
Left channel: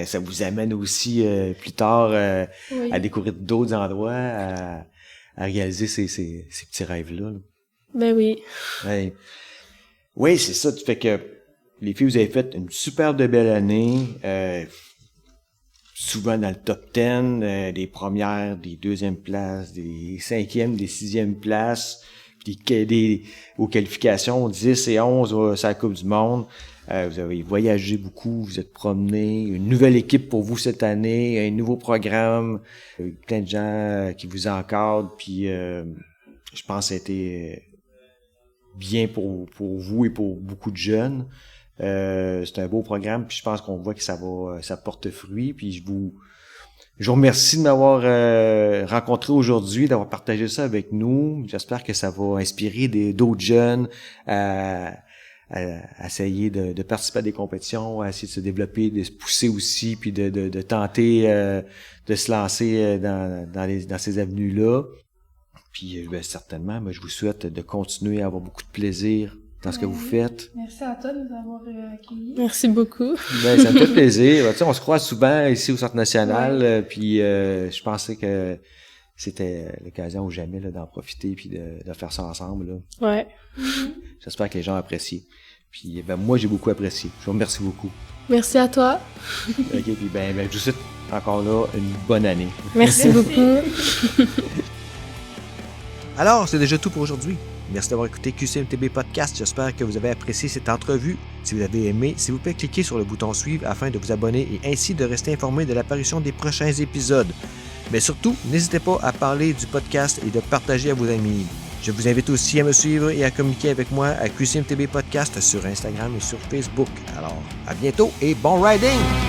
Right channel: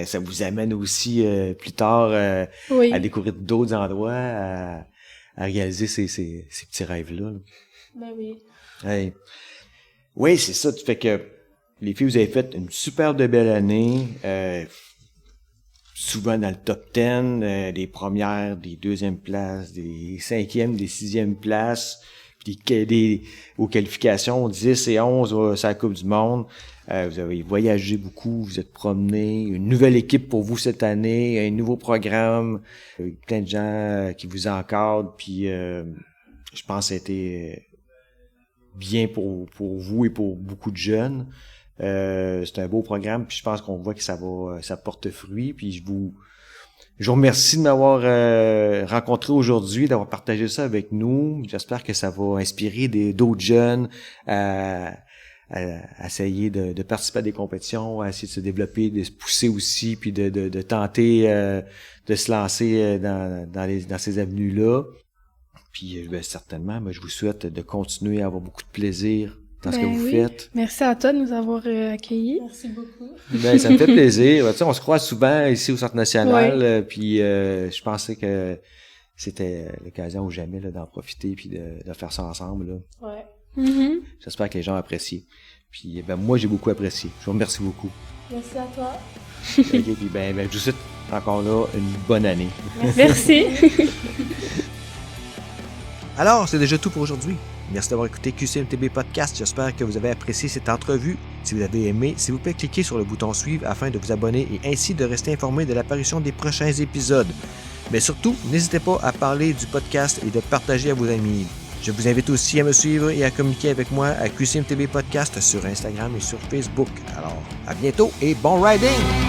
ça vous amène aussi plus tard Oui. à découvrir d'autres endroits, à réaliser ces petits rêves-là. Là. Ben oui. Ouais. Oui, c'est ça. Tu fais que les filles, vous avez fait une superbe de belle année, souvent dans le top 10, des premières, des deuxièmes places, des cinquièmes, des sixièmes places, puis aux qualifications 10 et 11 sur la Coupe du Monde. Vous avez voyagé beaucoup, vous êtes promené, une nouvelle équipe pour vous cette année, un nouveau programme, plein de gens qui vous encadrent, puis je pense que ça a été bien pour vous et pour beaucoup de jeunes. C'est un beau programme, puis je pense qu'on voit que ça porte fruit, puis je vous remercie de m'avoir rencontré aujourd'hui, d'avoir partagé ça avec nous. J'espère que ça va inspirer d'autres jeunes à essayer de participer à des compétitions, à essayer de se développer, de se pousser aussi, puis de tenter de se lancer dans ces avenues-là. Puis certainement, je vous souhaite de continuer à avoir beaucoup de plaisir dans ce que vous faites. Merci à toi de nous avoir accueillis. Merci beaucoup. Ça me fait plaisir. Tu sais, on se croise souvent ici au Centre national, puis je pensais que c'était l'occasion ou jamais là, d'en profiter puis de faire ça ensemble. Là. Ouais. Mm-hmm. J'espère que les gens apprécient. Puis moi, j'ai beaucoup apprécié. Je vous remercie beaucoup. Merci à toi. OK, puis je vous souhaite encore là une bonne année. Merci. Alors, c'est déjà tout pour aujourd'hui. Merci d'avoir écouté QCMTB Podcast. J'espère que vous avez apprécié cette entrevue. Si vous avez aimé, s'il vous plaît, cliquez sur le bouton suivre afin de vous abonner et ainsi de rester informé de l'apparition des prochains épisodes. Mais surtout, n'hésitez pas à parler du podcast et de partager à vos amis. Je vous invite aussi à me suivre et à communiquer avec moi à QCMTB Podcast sur Instagram et sur Facebook. Alors, à bientôt et bon riding!